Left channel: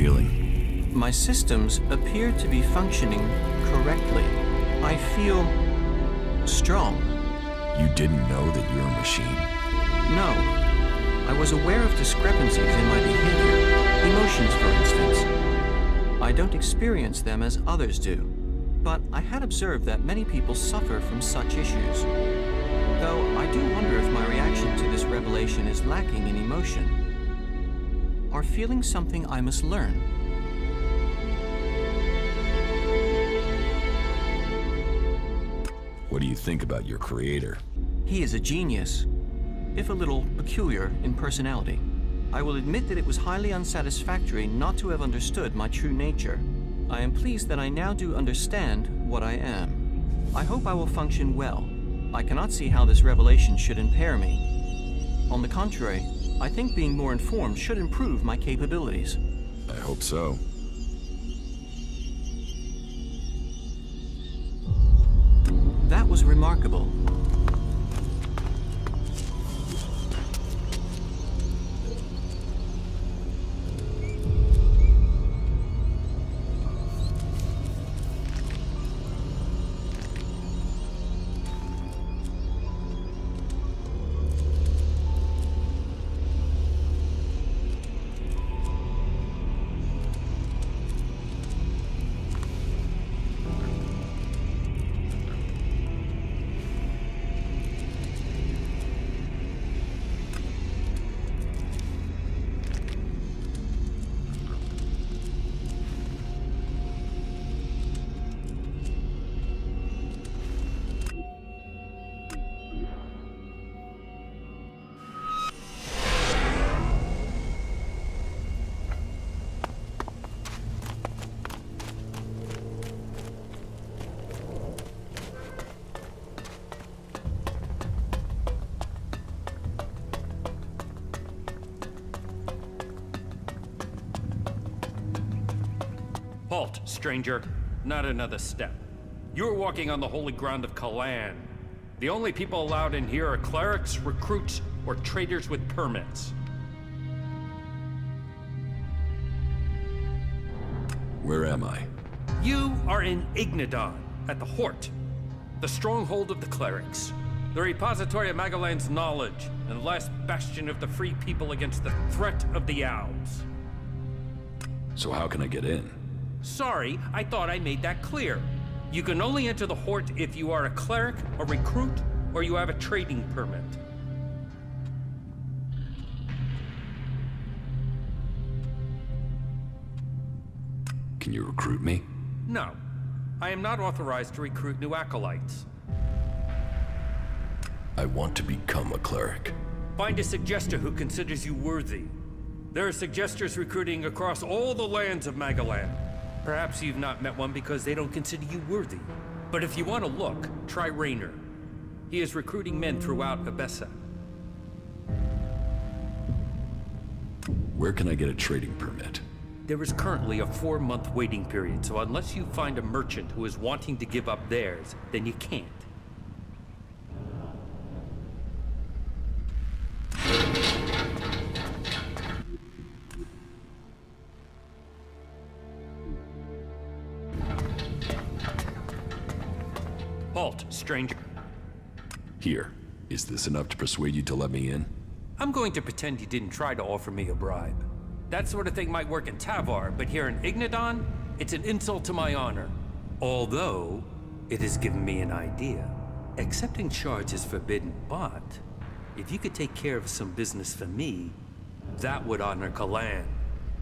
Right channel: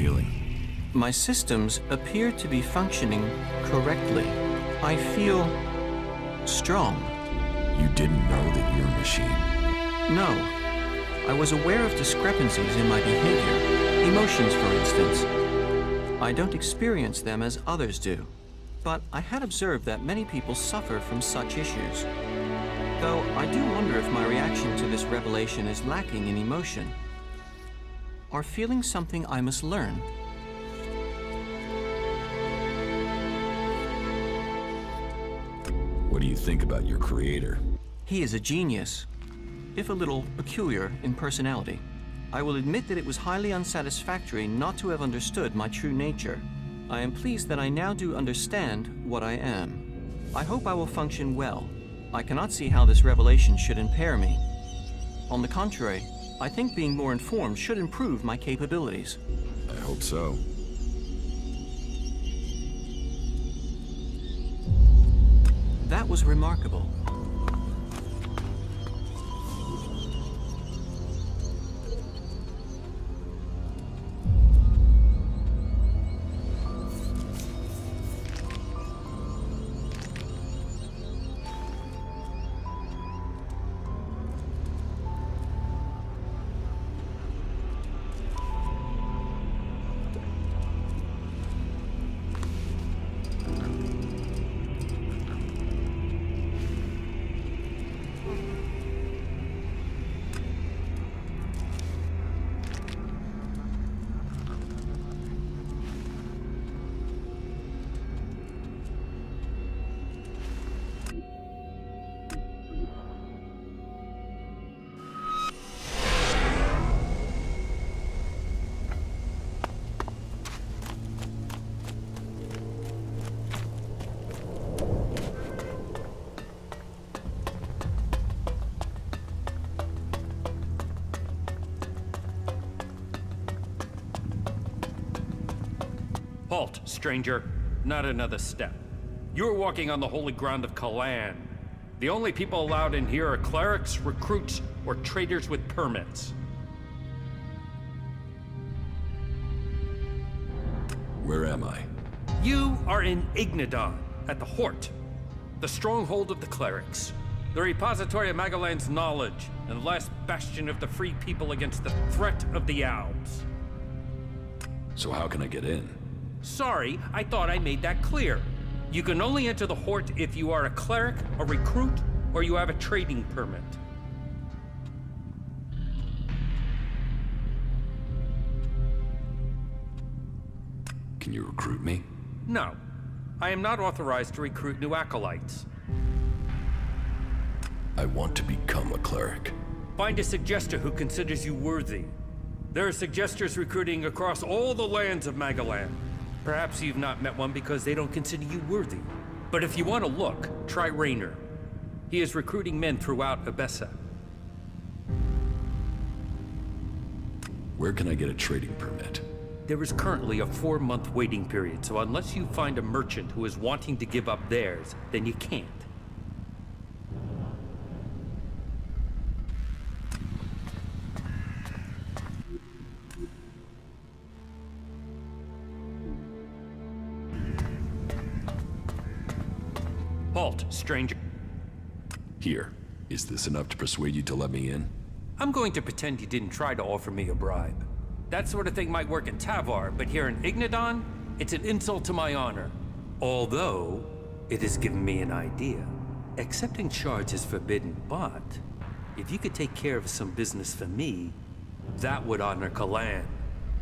feeling? My systems appear to be functioning correctly. I feel strong. You didn't know that you're a machine? No. I was aware of discrepancies in my behavior. Emotions, for instance. I don't experience them as others do. But I had observed that many people suffer from such issues. Though I do wonder if my reaction to this revelation is lacking in emotion. Are feelings something I must learn? What do you think about your creator? He is a genius, if a little peculiar in personality. I will admit that it was highly unsatisfactory not to have understood my true nature. I am pleased that I now do understand what I am. I hope I will function well. I cannot see how this revelation should impair me. On the contrary, I think being more informed should improve my capabilities. I hope so. That was remarkable. Halt, stranger. Not another step. You're walking on the holy ground of Magalan. The only people allowed in here are clerics, recruits, or traders with permits. Where am I? You are in Ignadon, at the Hort, the stronghold of the clerics, the repository of Magalan's knowledge, and the last bastion of the free people against the threat of the Owls. So how can I get in? Sorry, I thought I made that clear. You can only enter the Hort if you are a cleric, a recruit, or you have a trading permit. Can you recruit me? No. I am not authorized to recruit new acolytes. I want to become a cleric. Find a suggester who considers you worthy. There are suggesters recruiting across all the lands of Magalan. Perhaps you've not met one because they don't consider you worthy. But if you want to look, try Raynor. He is recruiting men throughout Abessa. Where can I get a trading permit? There is currently a 4-month waiting period, so unless you find a merchant who is wanting to give up theirs, then you can't. Halt, stranger. Here. Is this enough to persuade you to let me in? I'm going to pretend you didn't try to offer me a bribe. That sort of thing might work in Tavar, but here in Ignadon, it's an insult to my honor. Although, it has given me an idea. Accepting charge is forbidden, but if you could take care of some business for me, that would honor Magalan.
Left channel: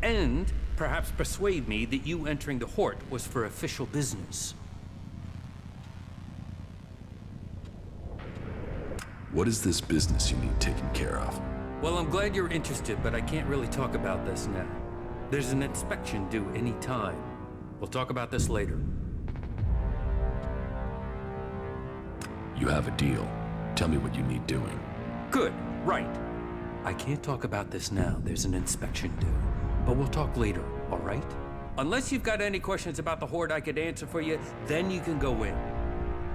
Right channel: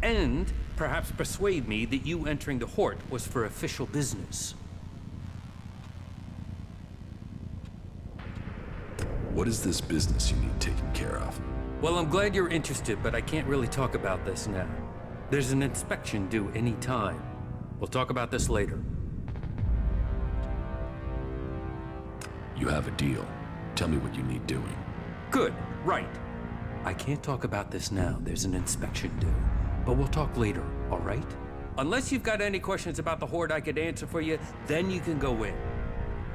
And perhaps persuade me that you entering the Hort was for official business. What is this business you need taken care of? Well, I'm glad you're interested, but I can't really talk about this now. There's an inspection due any time. We'll talk about this later. You have a deal. Tell me what you need doing. Good, right. I can't talk about this now. There's an inspection due. But we'll talk later, all right? Unless you've got any questions about the Horde I could answer for you, then you can go in.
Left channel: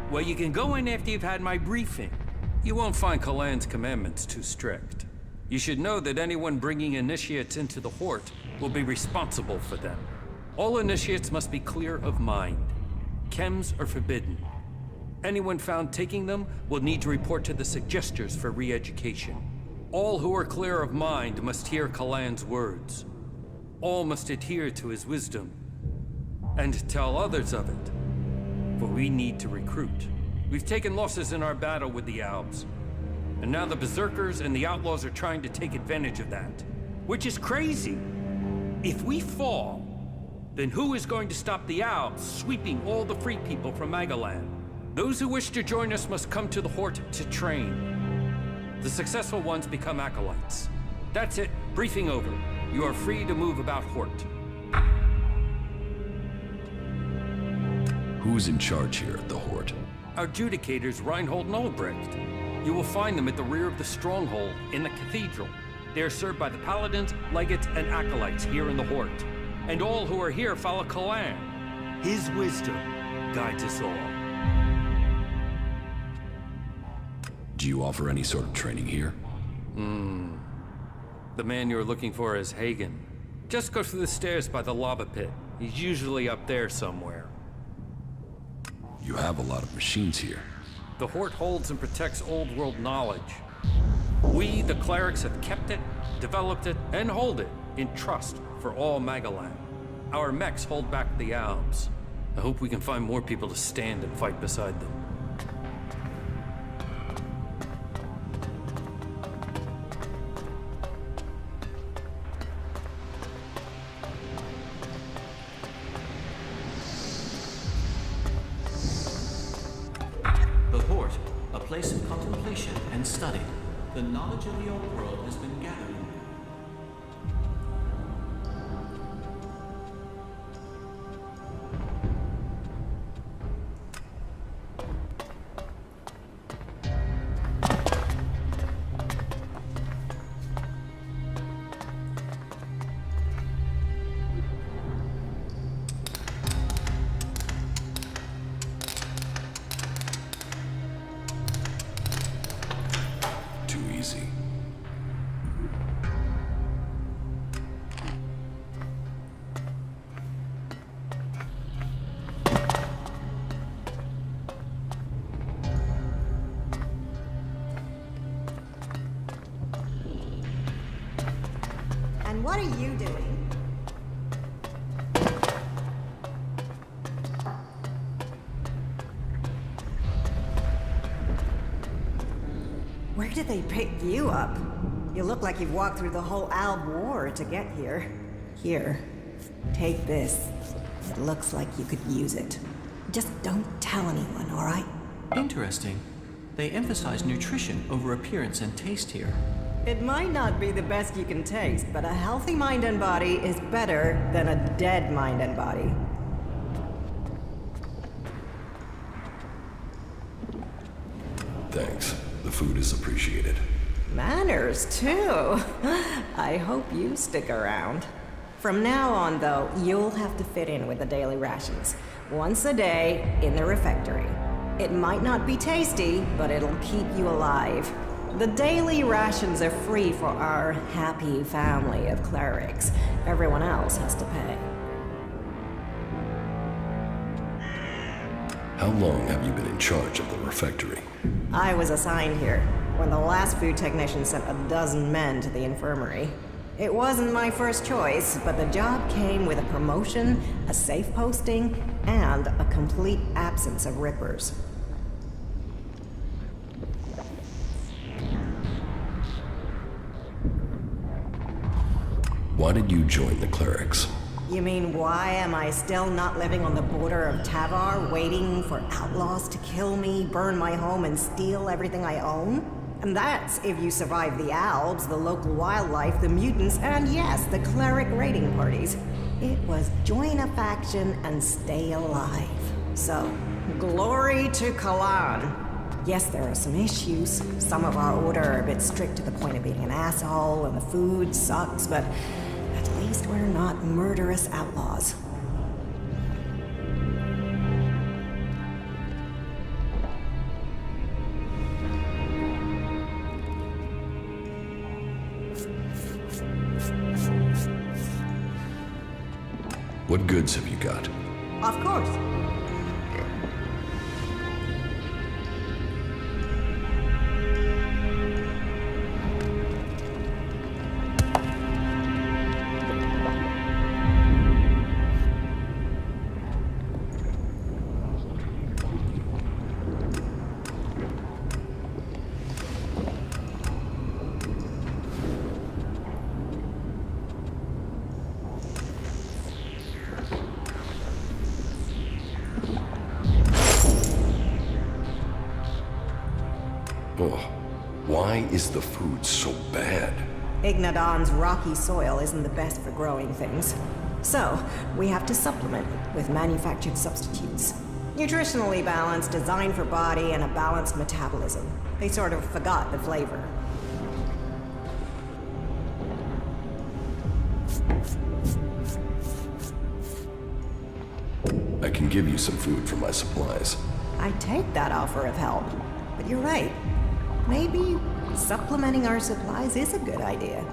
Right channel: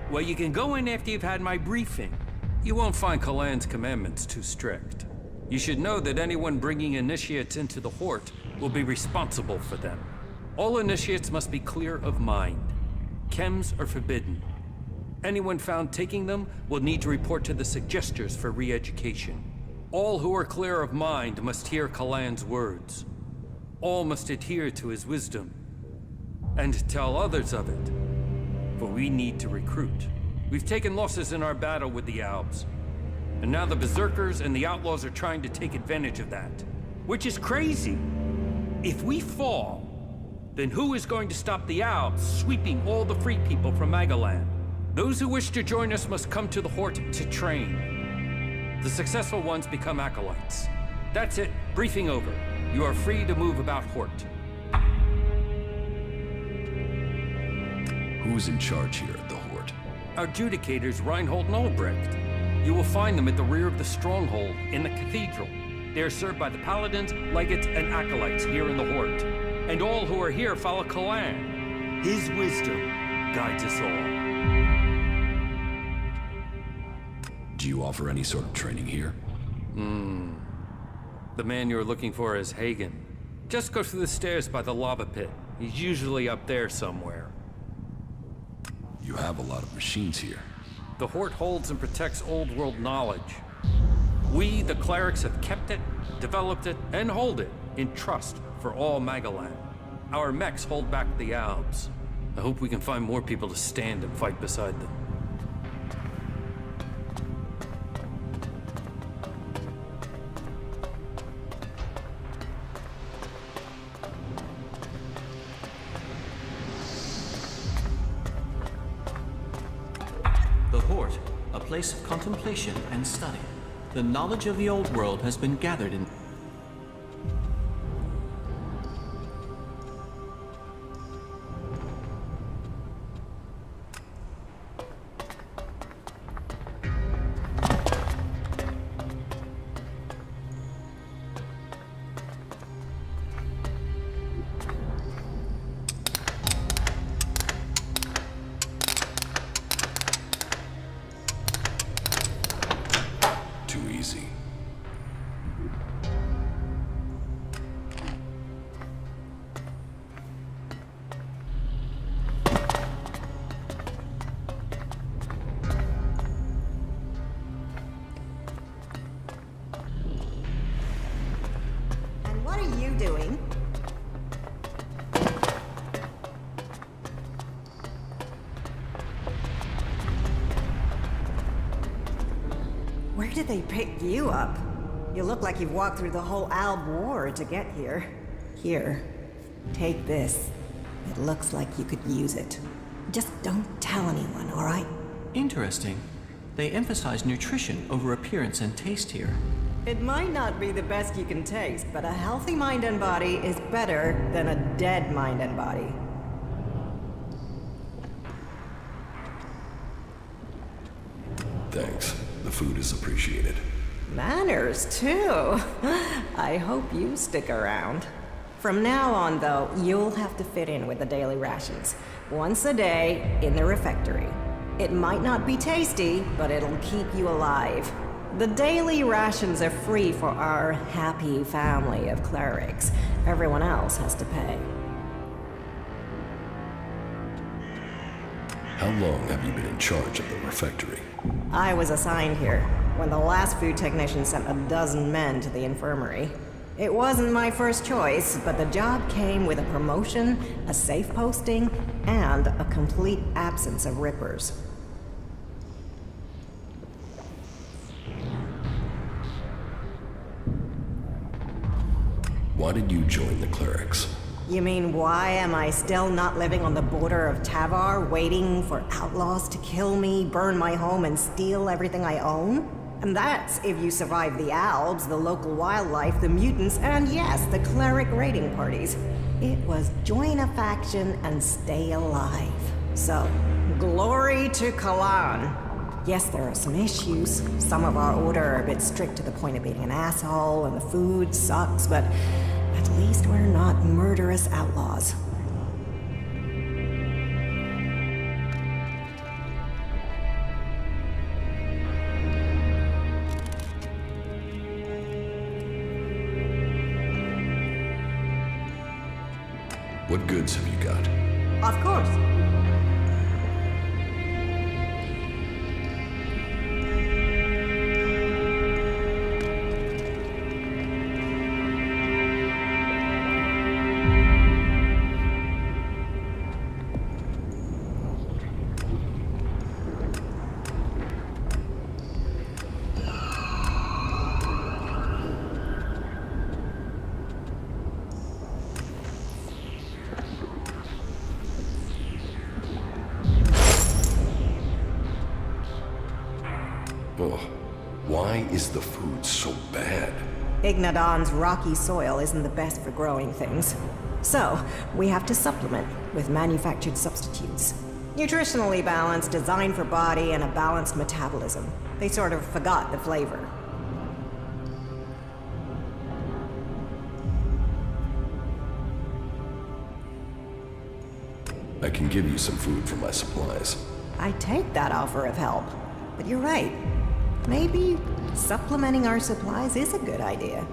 Well, you can go in after you've had my briefing. You won't find Magalan's commandments too strict. You should know that anyone bringing initiates into the Hort will be responsible for them. All initiates must be clear of mind. Chems are forbidden. Anyone found taking them will need to report to the Suggestors for re-education. All who are clear of mind must hear Kalan's words. All must adhere to his wisdom, and tell others of it. For we need to recruit. We've taken losses in our battle with the Albs, and now the Berserkers and the Outlaws are trying to take advantage of that. Which is crazy. If we fall, then who is going to stop the Albs sweeping all the free people from Magalan? Those who wish to join us must come to the Hort to train. The successful ones become acolytes. That's it. Briefing over. You are free to move about Hort. Who's in charge here at the Hort? Our adjudicators, Reinhold and Albrecht. You will find them at the rear of the stronghold in the cathedral. They are served by the paladins, legates, and acolytes here in the Hort. And all who are here follow Kalan. His wisdom guides us all. Do you offer any sort of training here? The man you're looking for is Hagen. Just go through the stairs by the lava pit. He's usually up there somewhere. You have a lot of machines here. The Hort holds and protects old world knowledge. We, the clerics, have kept it, developed it, and hold it in trust for all Magalan. Our mechs hold back the Albs. I hope we can find more people to stand and fight beside them. The Hort, a place of contemplation and study. The knowledge of the old world has been gathered in... Too easy. And what are you doing? Where did they pick you up? You look like you've walked through the whole Alb War to get here. Here, take this. It looks like you could use it. Just don't tell anyone, all right? Interesting. They emphasize nutrition over appearance and taste here. It might not be the best you can taste, but a healthy mind and body is better than a dead mind and body. Thanks. The food is appreciated. Manners, too. I hope you stick around. From now on, though, you'll have to fit in with the daily rations. Once a day, in the refectory. It might not be tasty, but it'll keep you alive. The daily rations are free for our happy family of clerics. Everyone else has to pay. How long have you been in charge of the refectory? I was assigned here when the last food technician sent a dozen men to the infirmary. It wasn't my first choice, but the job came with a promotion, a safe posting, and a complete absence of rippers. Why did you join the clerics? You mean, why am I still not living on the border of Tavar, waiting for outlaws to kill me, burn my home, and steal everything I own? And that's if you survive the Albs, the local wildlife, the mutants, and yes, the cleric raiding parties. It was join a faction and stay alive. So, glory to Kalan. Yes, there are some issues. Some of our order are a bit strict to the point of being an asshole, and the food sucks, but at least we're not murderous outlaws. What goods have you got? Of course. Oh, why is the food so bad? Ignadon's rocky soil isn't the best for growing things. So, we have to supplement with manufactured substitutes. Nutritionally balanced, designed for body, and a balanced metabolism. They sort of forgot the flavor. I can give you some food for my supplies. I take that offer of help. But you're right. Maybe supplementing our supplies is a good idea.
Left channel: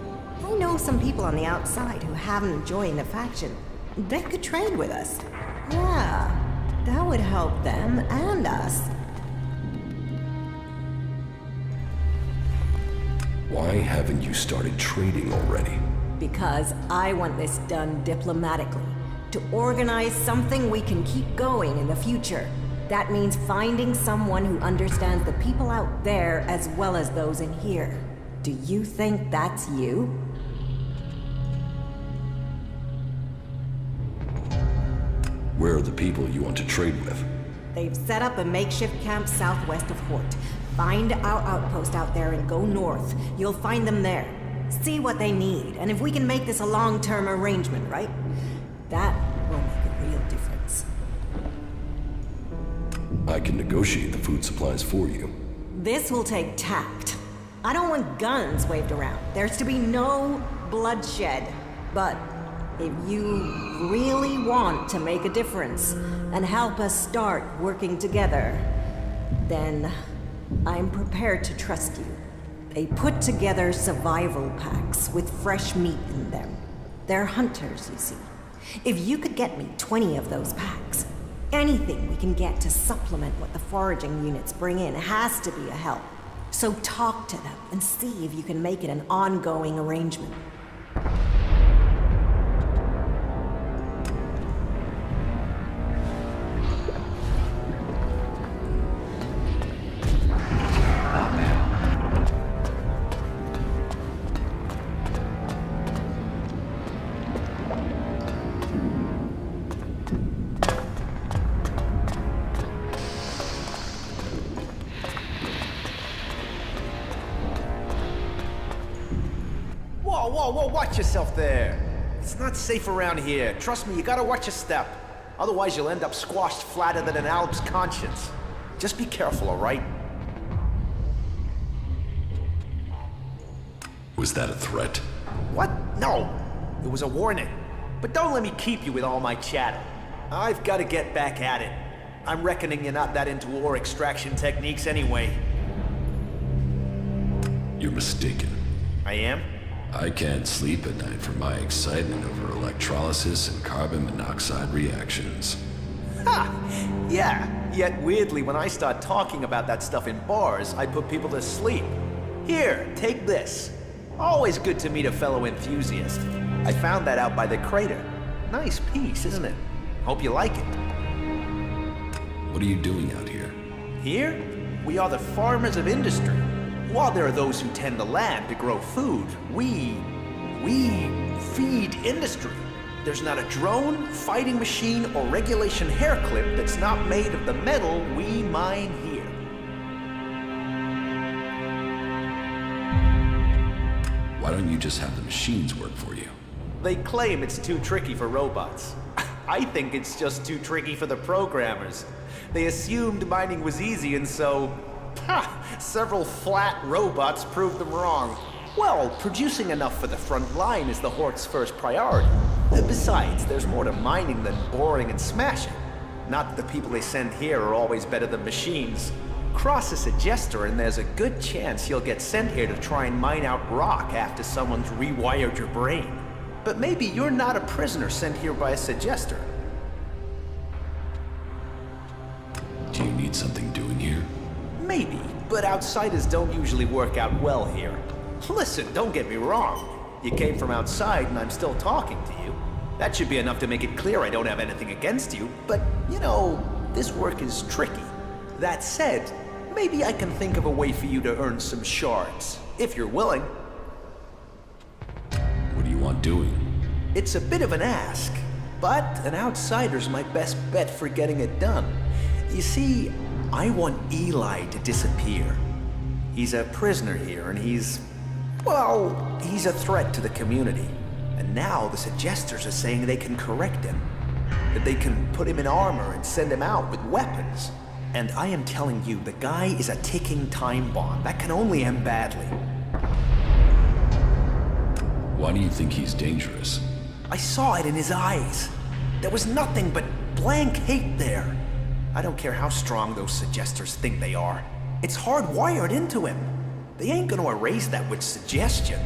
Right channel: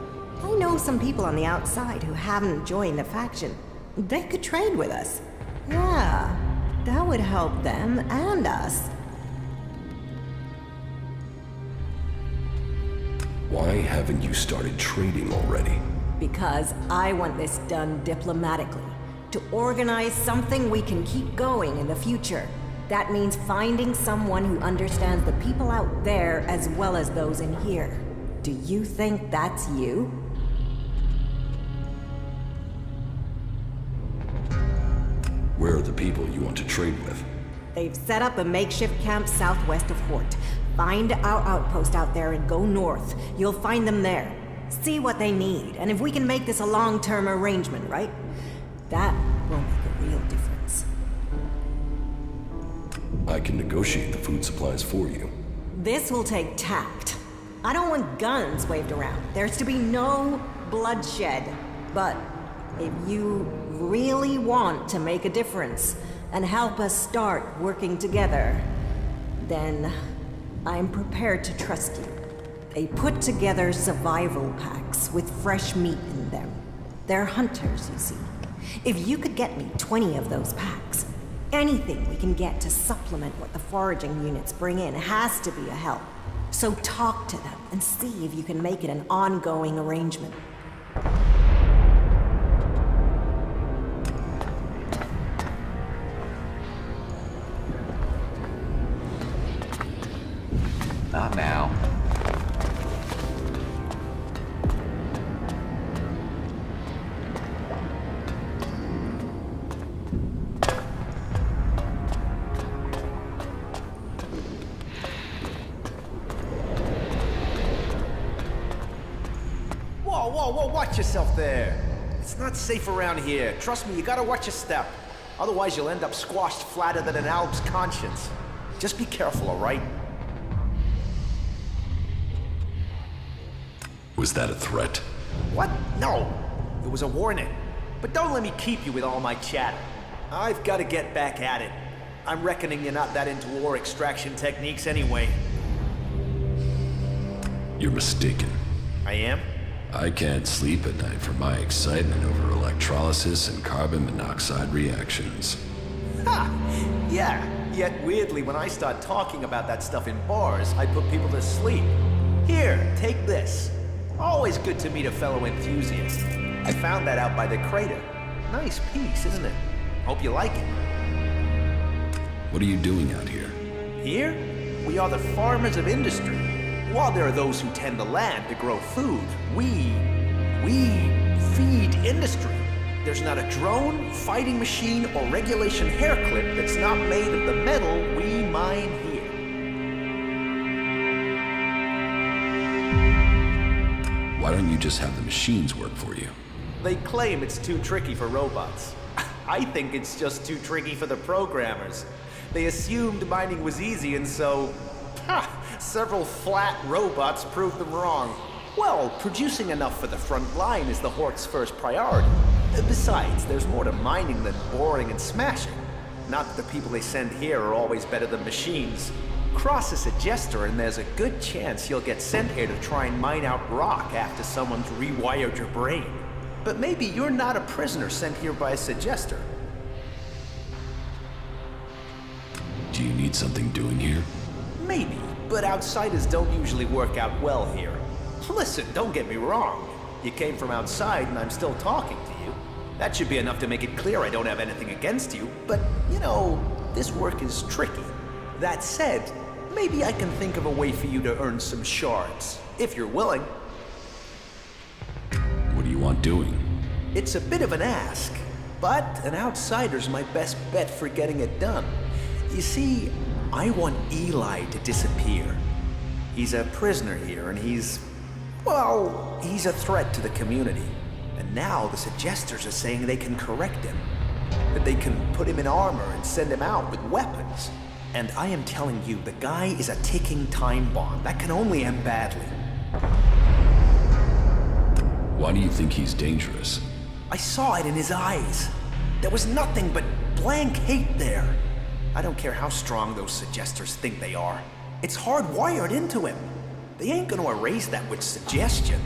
I know some people on the outside who haven't joined the faction. They could trade with us. Yeah, that would help them and us. Why haven't you started trading already? Because I want this done diplomatically. To organize something we can keep going in the future. That means finding someone who understands the people out there as well as those in here. Do you think that's you? Where are the people you want to trade with? They've set up a makeshift camp southwest of Hort. Find our outpost out there and go north. You'll find them there. See what they need, and if we can make this a long-term arrangement, right? That will make a real difference. I can negotiate the food supplies for you. This will take tact. I don't want guns waved around. There's to be no bloodshed. But if you really want to make a difference and help us start working together, then I'm prepared to trust you. They put together survival packs with fresh meat in them. They're hunters, you see. If you could get me 20 of those packs, anything we can get to supplement what the foraging units bring in has to be a help. So talk to them and see if you can make it an ongoing arrangement. Not now. Whoa, watch yourself there. It's not safe around here. Trust me, you gotta watch your step. Otherwise you'll end up squashed flatter than an Alp's conscience. Just be careful, all right? Was that a threat? What? No. It was a warning. But don't let me keep you with all my chatter. I've gotta get back at it. I'm reckoning you're not that into ore extraction techniques anyway. You're mistaken. I am? I can't sleep at night for my excitement over electrolysis and carbon monoxide reactions. Ha! Yeah, yet weirdly when I start talking about that stuff in bars, I put people to sleep. Here, take this. Always good to meet a fellow enthusiast. I found that out by the crater. Nice piece, isn't it? Hope you like it. What are you doing out here? Here, we are the farmers of industry. While there are those who tend the land to grow food, we feed industry. There's not a drone, fighting machine, or regulation hair clip that's not made of the metal we mine here. Why don't you just have the machines work for you? They claim it's too tricky for robots. I think it's just too tricky for the programmers. They assumed mining was easy, and so... several flat robots proved them wrong. Well, producing enough for the front line is the Hort's first priority. Besides, there's more to mining than boring and smashing. Not that the people they send here are always better than machines. Cross a suggester and there's a good chance you'll get sent here to try and mine out rock after someone's rewired your brain. But maybe you're not a prisoner sent here by a suggester. Do you need something doing here? Maybe, but outsiders don't usually work out well here. Listen, don't get me wrong. You came from outside and I'm still talking to you. That should be enough to make it clear I don't have anything against you, but, you know, this work is tricky. That said, maybe I can think of a way for you to earn some shards, if you're willing. What do you want doing? It's a bit of an ask, but an outsider's my best bet for getting it done. You see, I want Eli to disappear. He's a prisoner here, and he's a threat to the community. And now the suggesters are saying they can correct him. That they can put him in armor and send him out with weapons. And I am telling you, the guy is a ticking time bomb. That can only end badly. Why do you think he's dangerous? I saw it in his eyes. There was nothing but blank hate there. I don't care how strong those suggesters think they are. It's hardwired into him. They ain't gonna erase that with suggestion.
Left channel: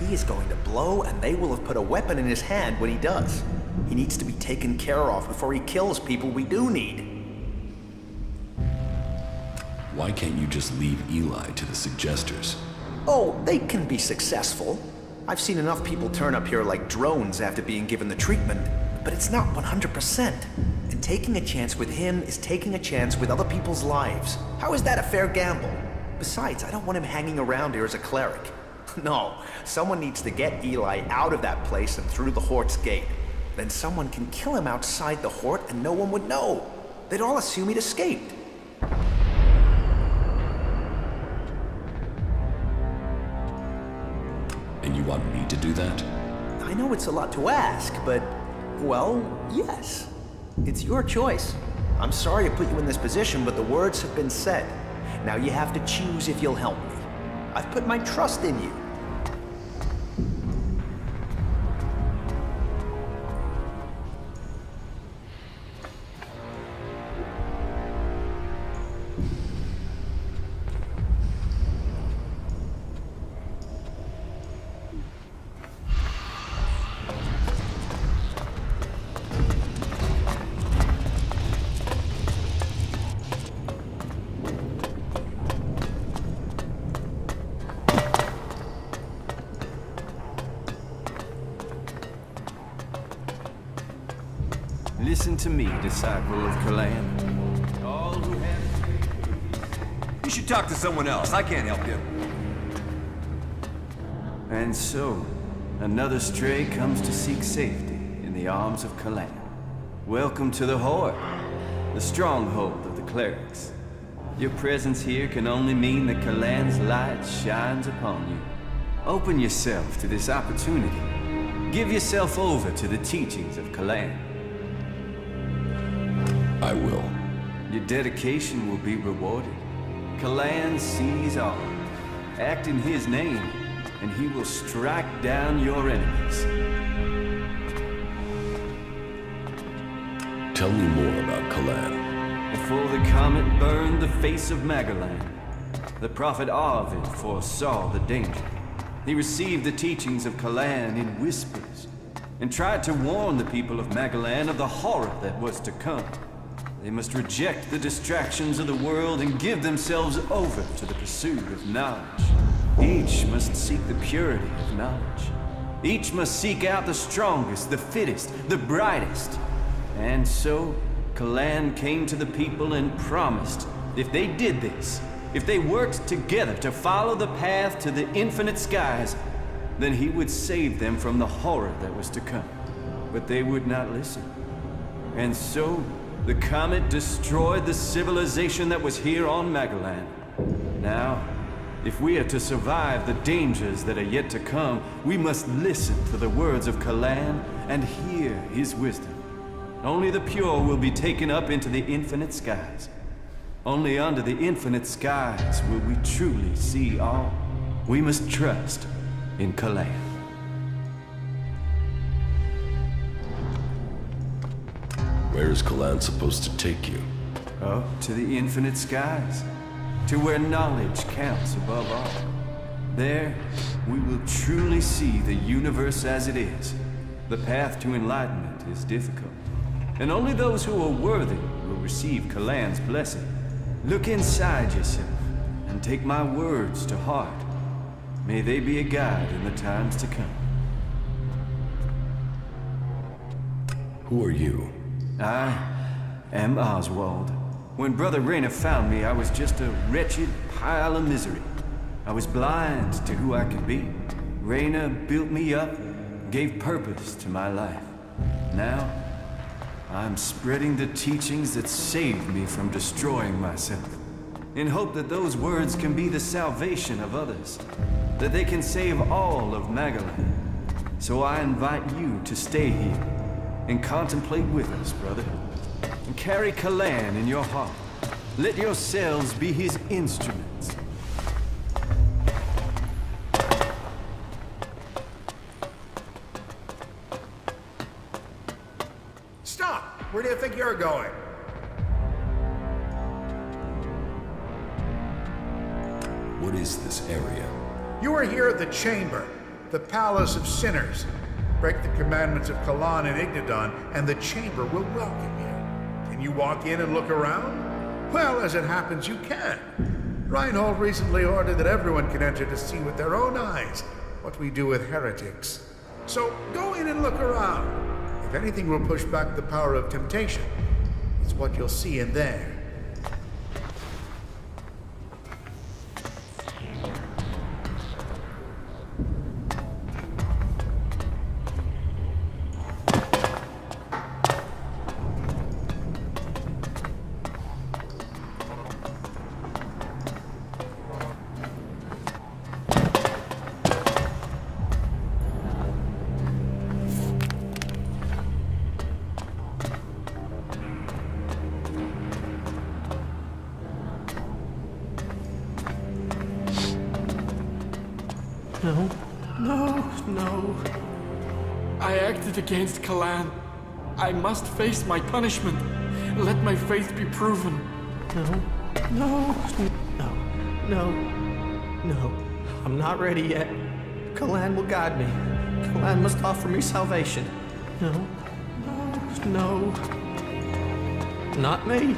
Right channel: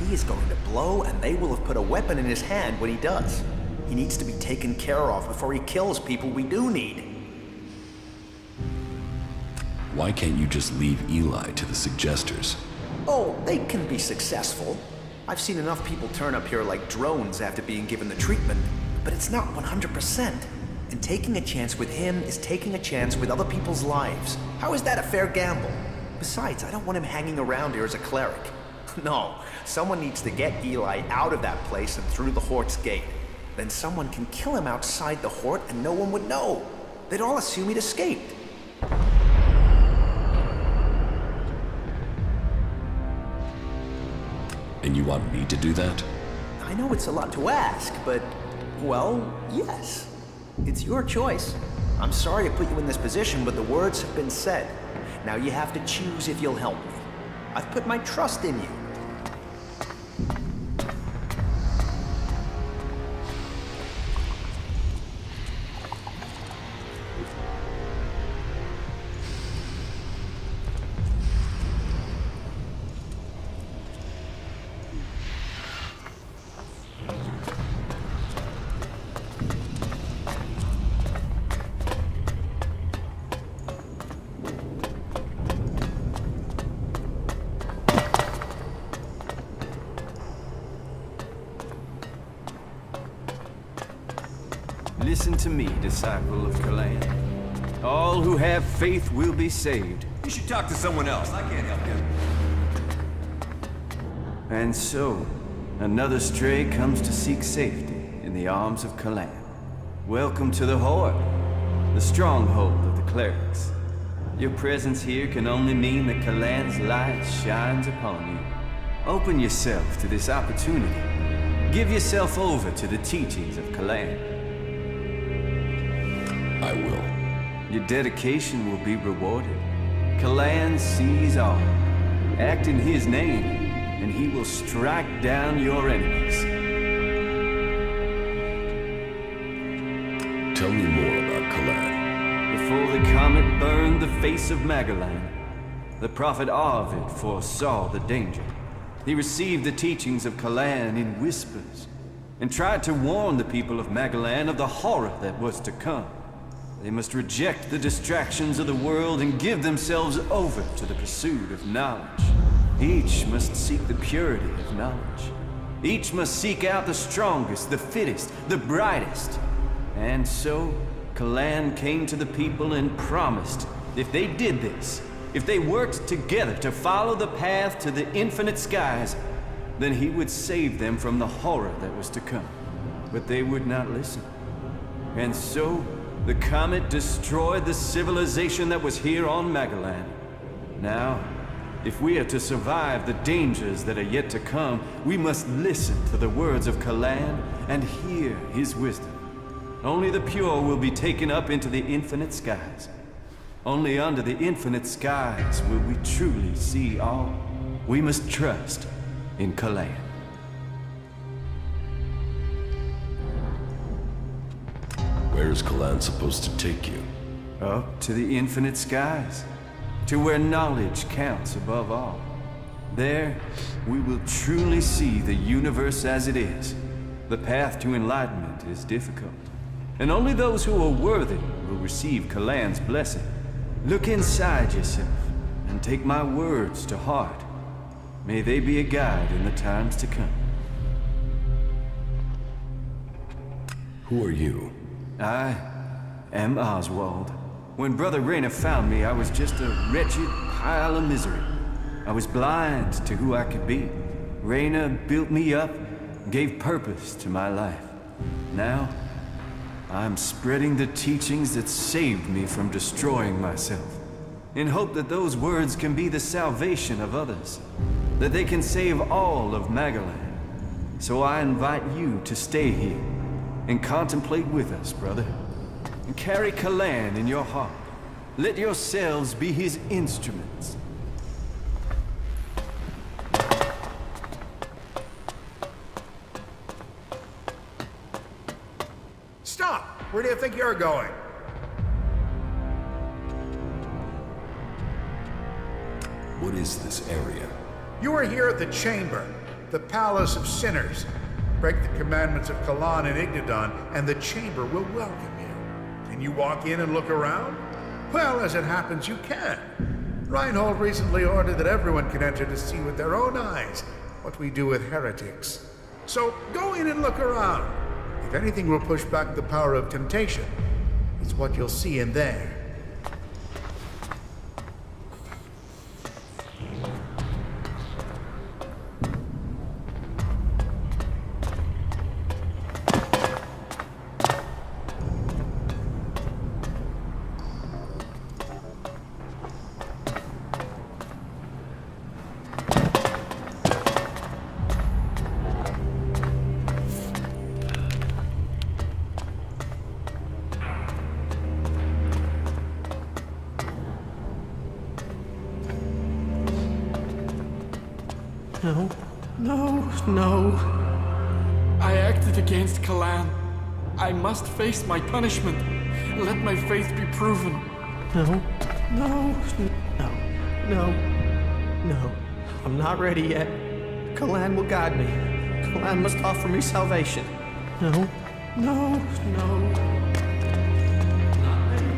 He is going to blow, and they will have put a weapon in his hand when he does. He needs to be taken care of before he kills people we do need. Why can't you just leave Eli to the suggesters? Oh, they can be successful. I've seen enough people turn up here like drones after being given the treatment, but it's not 100%. And taking a chance with him is taking a chance with other people's lives. How is that a fair gamble? Besides, I don't want him hanging around here as a cleric. No, someone needs to get Eli out of that place and through the Hort's gate. Then someone can kill him outside the Hort and no one would know. They'd all assume he'd escaped. And you want me to do that? I know it's a lot to ask, but, well, yes. It's your choice. I'm sorry to put you in this position, but the words have been said. Now you have to choose if you'll help me. I've put my trust in you. Listen to me, disciple of Magalan. All who have faith will be saved. You should talk to someone else. I can't help you. And so, another stray comes to seek safety in the arms of Magalan. Welcome to the Horde, the stronghold of the clerics. Your presence here can only mean that Magalan's light shines upon you. Open yourself to this opportunity. Give yourself over to the teachings of Magalan. I will. Your dedication will be rewarded. Magalan sees all. Act in his name, and he will strike down your enemies. Tell me more about Magalan. Before the comet burned the face of Magalan, the prophet Arvid foresaw the danger. He received the teachings of Magalan in whispers, and tried to warn the people of Magalan of the horror that was to come. They must reject the distractions of the world and give themselves over to the pursuit of knowledge. Each must seek the purity of knowledge. Each must seek out the strongest, the fittest, the brightest. And so, Magalan came to the people and promised, if they did this, if they worked together to follow the path to the infinite skies, then he would save them from the horror that was to come. But they would not listen. And so, the comet destroyed the civilization that was here on Magalan. Now, if we are to survive the dangers that are yet to come, we must listen to the words of Magalan and hear his wisdom. Only the pure will be taken up into the infinite skies. Only under the infinite skies will we truly see all. We must trust in Magalan. Where is Magalan supposed to take you? Up to the infinite skies, to where knowledge counts above all. There, we will truly see the universe as it is, The path to enlightenment is difficult, and only those who are worthy will receive Kalan's blessing. Look inside yourself, and take my words to heart. May they be a guide in the times to come. Who are you? I am Oswald. When Brother Rayner found me, I was just a wretched pile of misery. I was blind to who I could be. Rayner built me up, gave purpose to my life. Now, I'm spreading the teachings that saved me from destroying myself, in hope that those words can be the salvation of others, that they can save all of Magalan. So I invite you to stay here and contemplate with us, brother. And carry Kalan in your heart. Let yourselves be his instruments. Stop! Where do you think you're going? What is this area? You are here at the Chamber, the Palace of Sinners. Break the commandments of Kalan and Ignadon, and the Chamber will welcome you. Can you walk in and look around? Well, as it happens, you can. Reinhold recently ordered that everyone can enter to see with their own eyes what we do with heretics. So go in and look around. If anything will push back the power of temptation, it's what you'll see in there. No, no, no. I acted against Kalan. I must face my punishment. Let my faith be proven. No, no, no, no, no. I'm not ready yet. Kalan will guide me. Kalan must offer me salvation. No, no, no. Not me.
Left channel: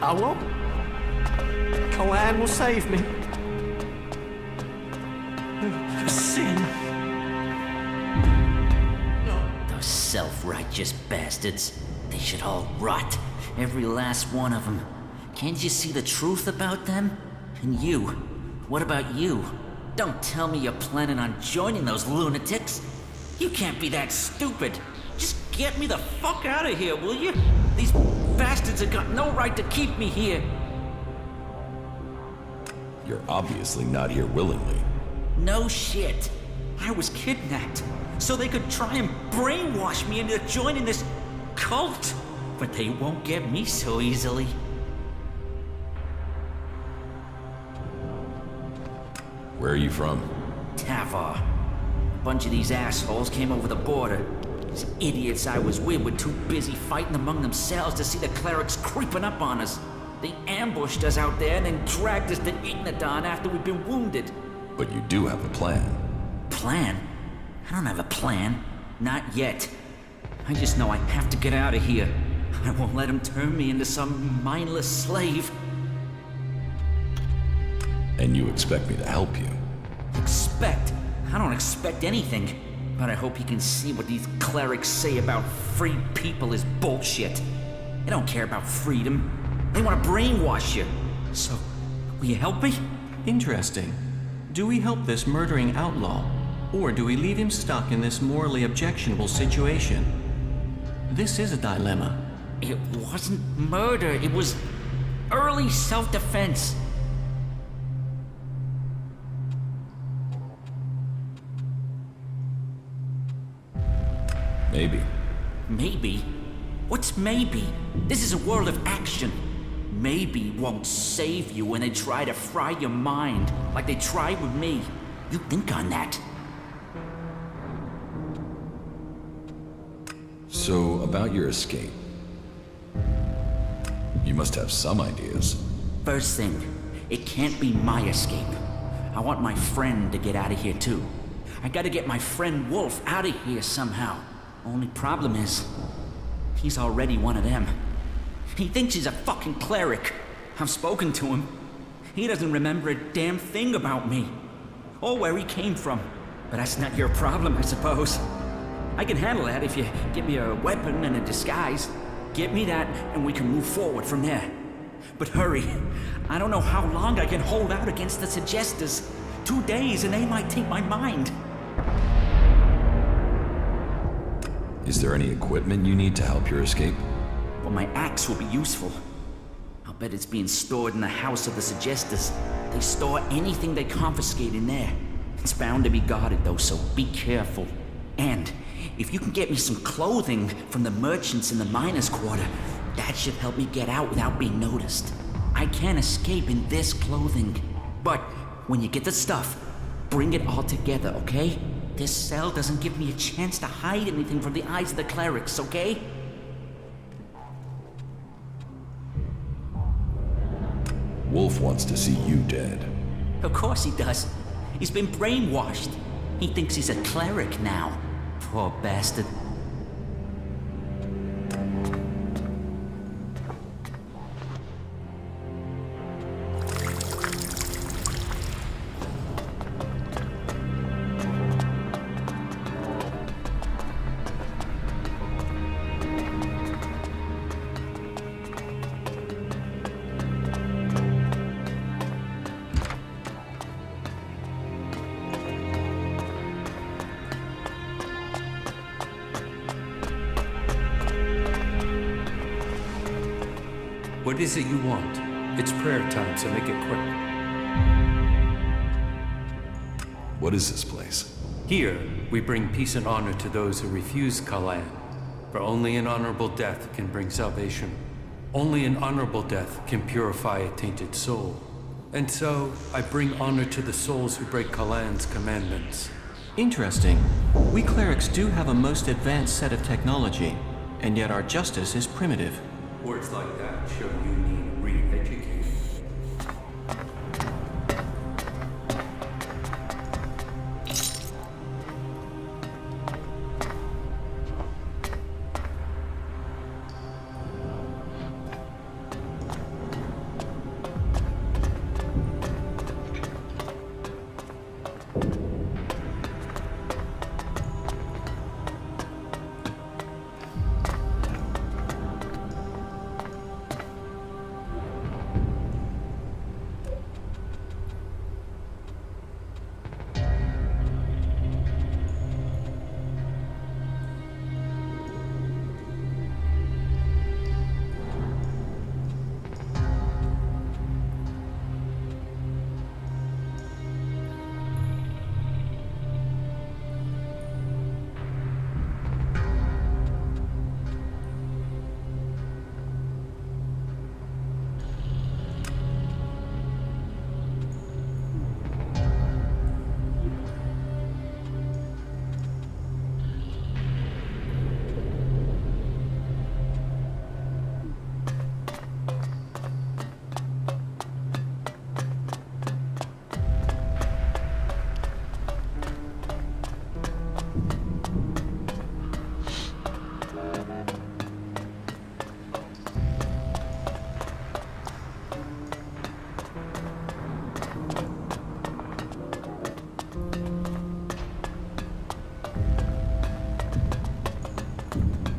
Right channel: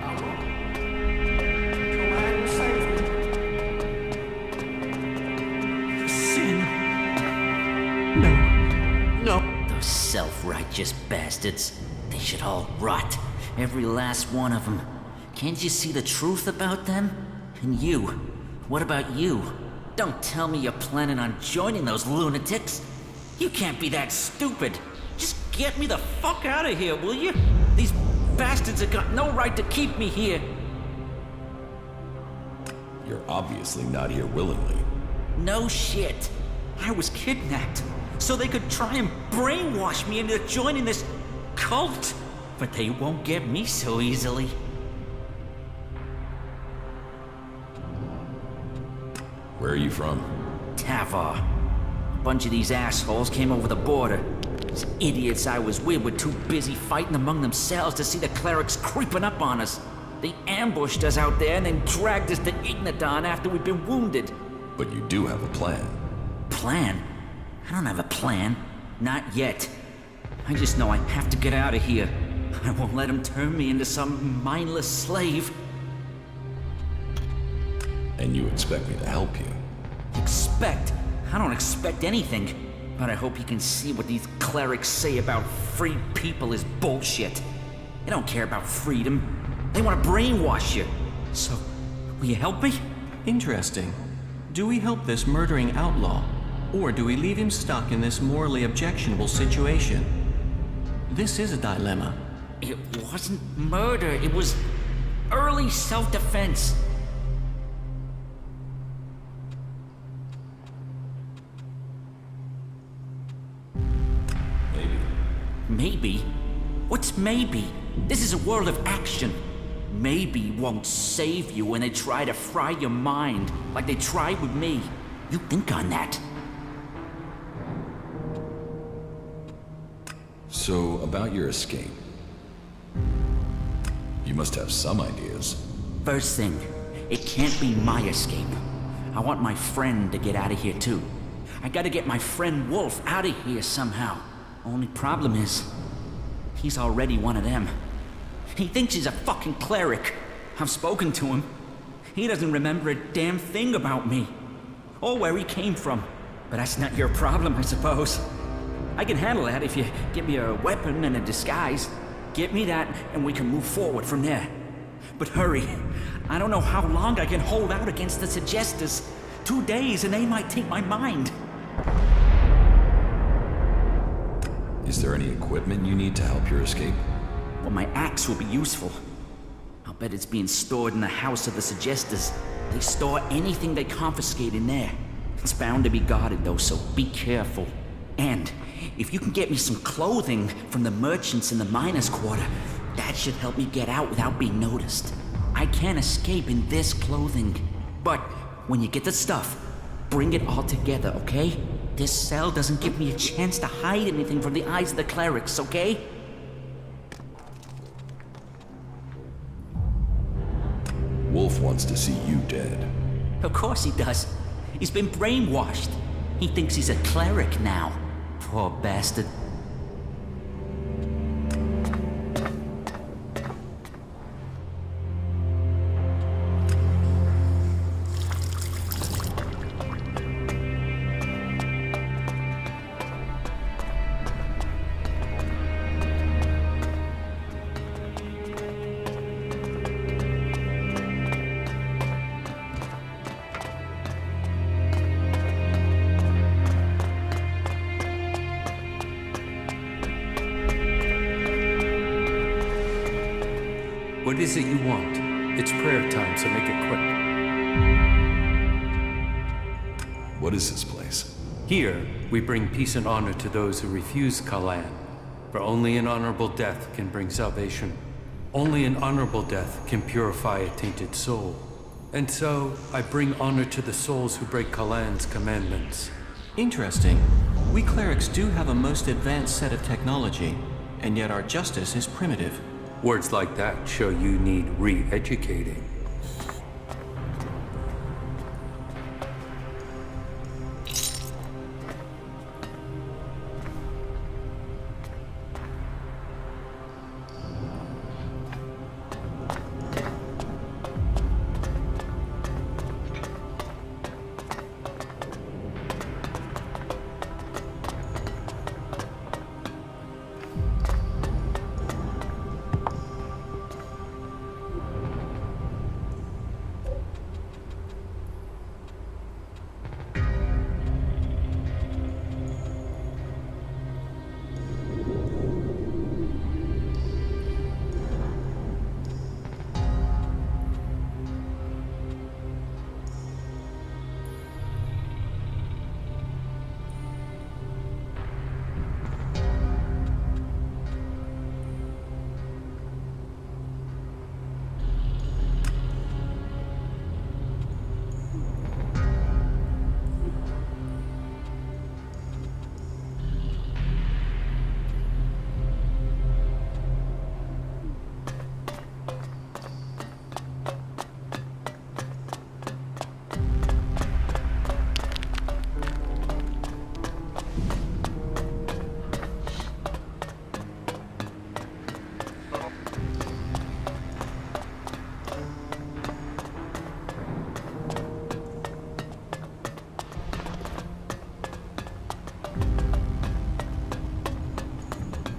I won't. Kalan will save me. Sin. No. Those self-righteous bastards. They should all rot. Every last one of them. Can't you see the truth about them? And you. What about you? Don't tell me you're planning on joining those lunatics. You can't be that stupid. Just get me the fuck out of here, will you? These bastards have got no right to keep me here. You're obviously not here willingly. No shit. I was kidnapped, so they could try and brainwash me into joining this cult. But they won't get me so easily. Where are you from? Tavar. A bunch of these assholes came over the border. These idiots I was with were too busy fighting among themselves to see the clerics creeping up on us. They ambushed us out there and then dragged us to Ignadon after we'd been wounded. But you do have a plan. Plan? I don't have a plan. Not yet. I just know I have to get out of here. I won't let them turn me into some mindless slave. And you expect me to help you? Expect? I don't expect anything. But I hope you can see what these clerics say about free people is bullshit. They don't care about freedom. They want to brainwash you. So, will you help me? Interesting. Do we help this murdering outlaw, or do we leave him stuck in this morally objectionable situation? This is a dilemma. It wasn't murder, it was early self-defense. Maybe. Maybe? What's maybe? This is a world of action. Maybe won't save you when they try to fry your mind, like they tried with me. You think on that. So, about your escape. You must have some ideas. First thing, it can't be my escape. I want my friend to get out of here too. I gotta get my friend Wolf out of here somehow. Only problem is, he's already one of them. He thinks he's a fucking cleric. I've spoken to him. He doesn't remember a damn thing about me. Or where he came from. But that's not your problem, I suppose. I can handle that if you give me a weapon and a disguise. Get me that, and we can move forward from there. But hurry. I don't know how long I can hold out against the Suggestors. 2 days and they might take my mind. Is there any equipment you need to help your escape? Well, my axe will be useful. I'll bet it's being stored in the house of the Suggestors. They store anything they confiscate in there. It's bound to be guarded though, so be careful. And if you can get me some clothing from the merchants in the miners' quarter, that should help me get out without being noticed. I can't escape in this clothing. But when you get the stuff, bring it all together, okay? This cell doesn't give me a chance to hide anything from the eyes of the clerics, okay? Wolf wants to see you dead. Of course he does. He's been brainwashed. He thinks he's a cleric now. Poor bastard. What is it you want? It's prayer time, so make it quick. What is this place? Here, we bring peace and honor to those who refuse Magalan. For only an honorable death can bring salvation. Only an honorable death can purify a tainted soul. And so, I bring honor to the souls who break Magalan's commandments. Interesting. We clerics do have a most advanced set of technology, and yet our justice is primitive. Words like that show you need re-educating.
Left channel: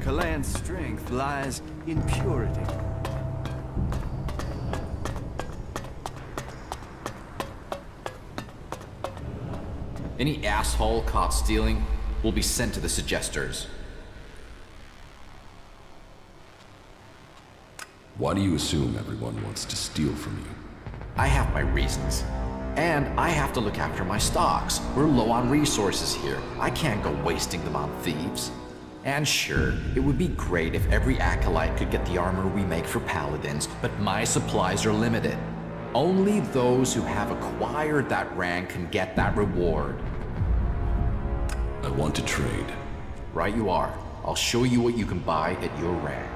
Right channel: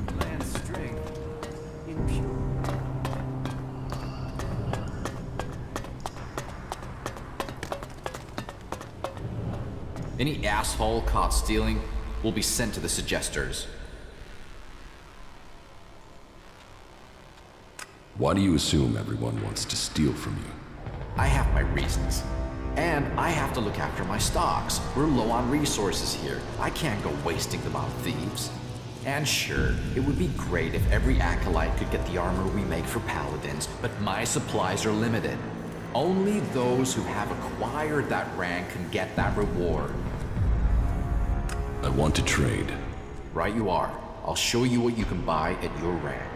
Kalan's strength lies in purity. Any asshole caught stealing will be sent to the Suggestors. Why do you assume everyone wants to steal from you? I have my reasons. And I have to look after my stocks. We're low on resources here. I can't go wasting them on thieves. And sure, it would be great if every acolyte could get the armor we make for paladins, but my supplies are limited. Only those who have acquired that rank can get that reward. I want to trade. Right you are. I'll show you what you can buy at your rank.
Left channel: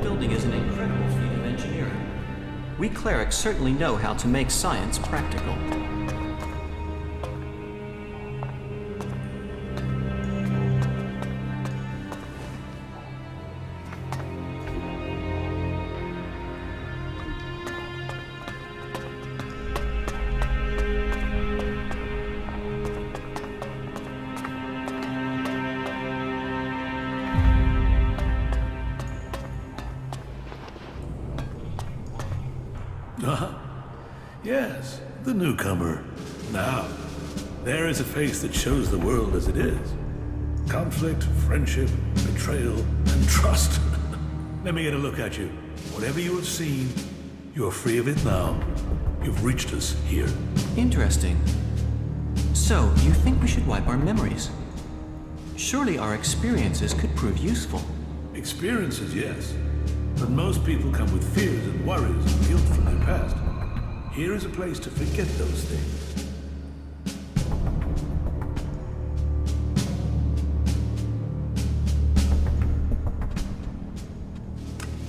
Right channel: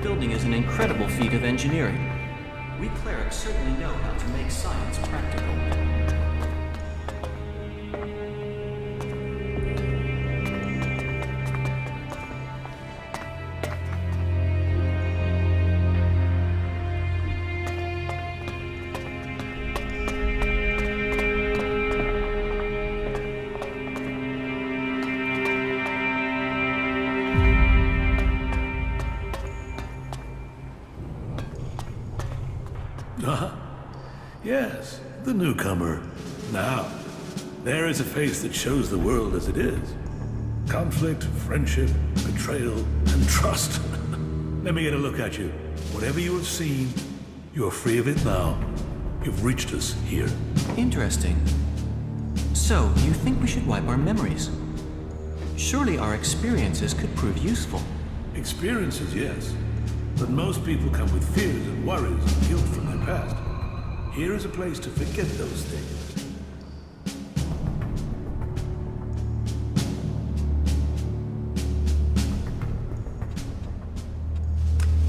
that building is an incredible feat of engineering. We clerics certainly know how to make science practical. Yes, the newcomer. Now, there is a face that shows the world as it is. Conflict, friendship, betrayal, and trust. Let me get a look at you. Whatever you have seen, you are free of it now. You've reached us here. Interesting. So, you think we should wipe our memories? Surely our experiences could prove useful. Experiences, yes. But most people come with fears and worries and guilt from their past. Here is a place to forget those things.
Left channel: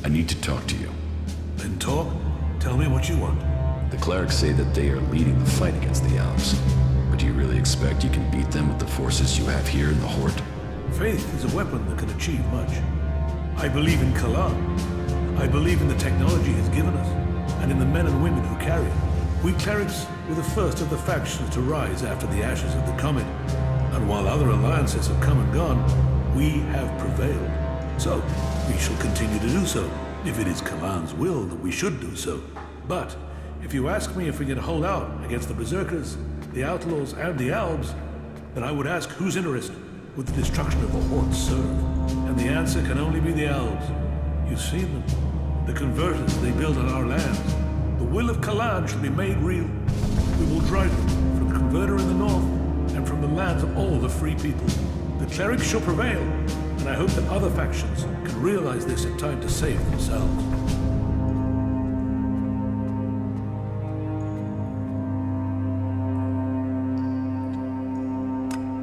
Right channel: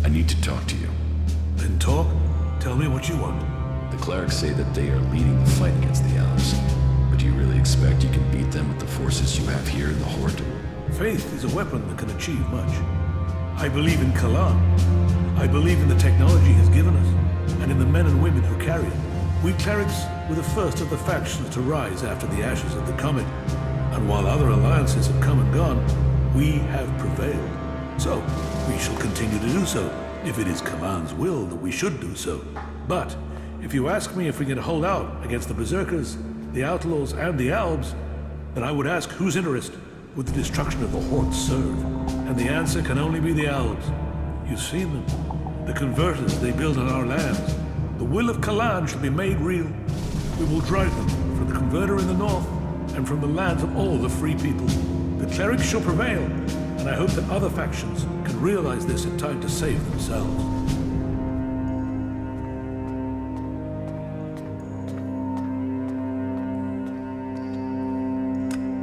I need to talk to you. Then talk. Tell me what you want. The clerics say that they are leading the fight against the Alps. But do you really expect you can beat them with the forces you have here in the Horde? Faith is a weapon that can achieve much. I believe in Kalan. I believe in the technology he's given us, and in the men and women who carry it. We clerics were the first of the factions to rise after the ashes of the comet, and while other alliances have come and gone, we have prevailed. So, we shall continue to do so, if it is Kalan's will that we should do so. But, if you ask me if we can hold out against the Berserkers, the Outlaws, and the Albs, then I would ask whose interest would the destruction of the Horde serve? And the answer can only be the Albs. You've seen them. The converters they build on our lands. The will of Kalan shall be made real. We will drive them from the converter in the north and from the lands of all the free people. The clerics shall prevail, and I hope that other factions can realize this in time to save themselves.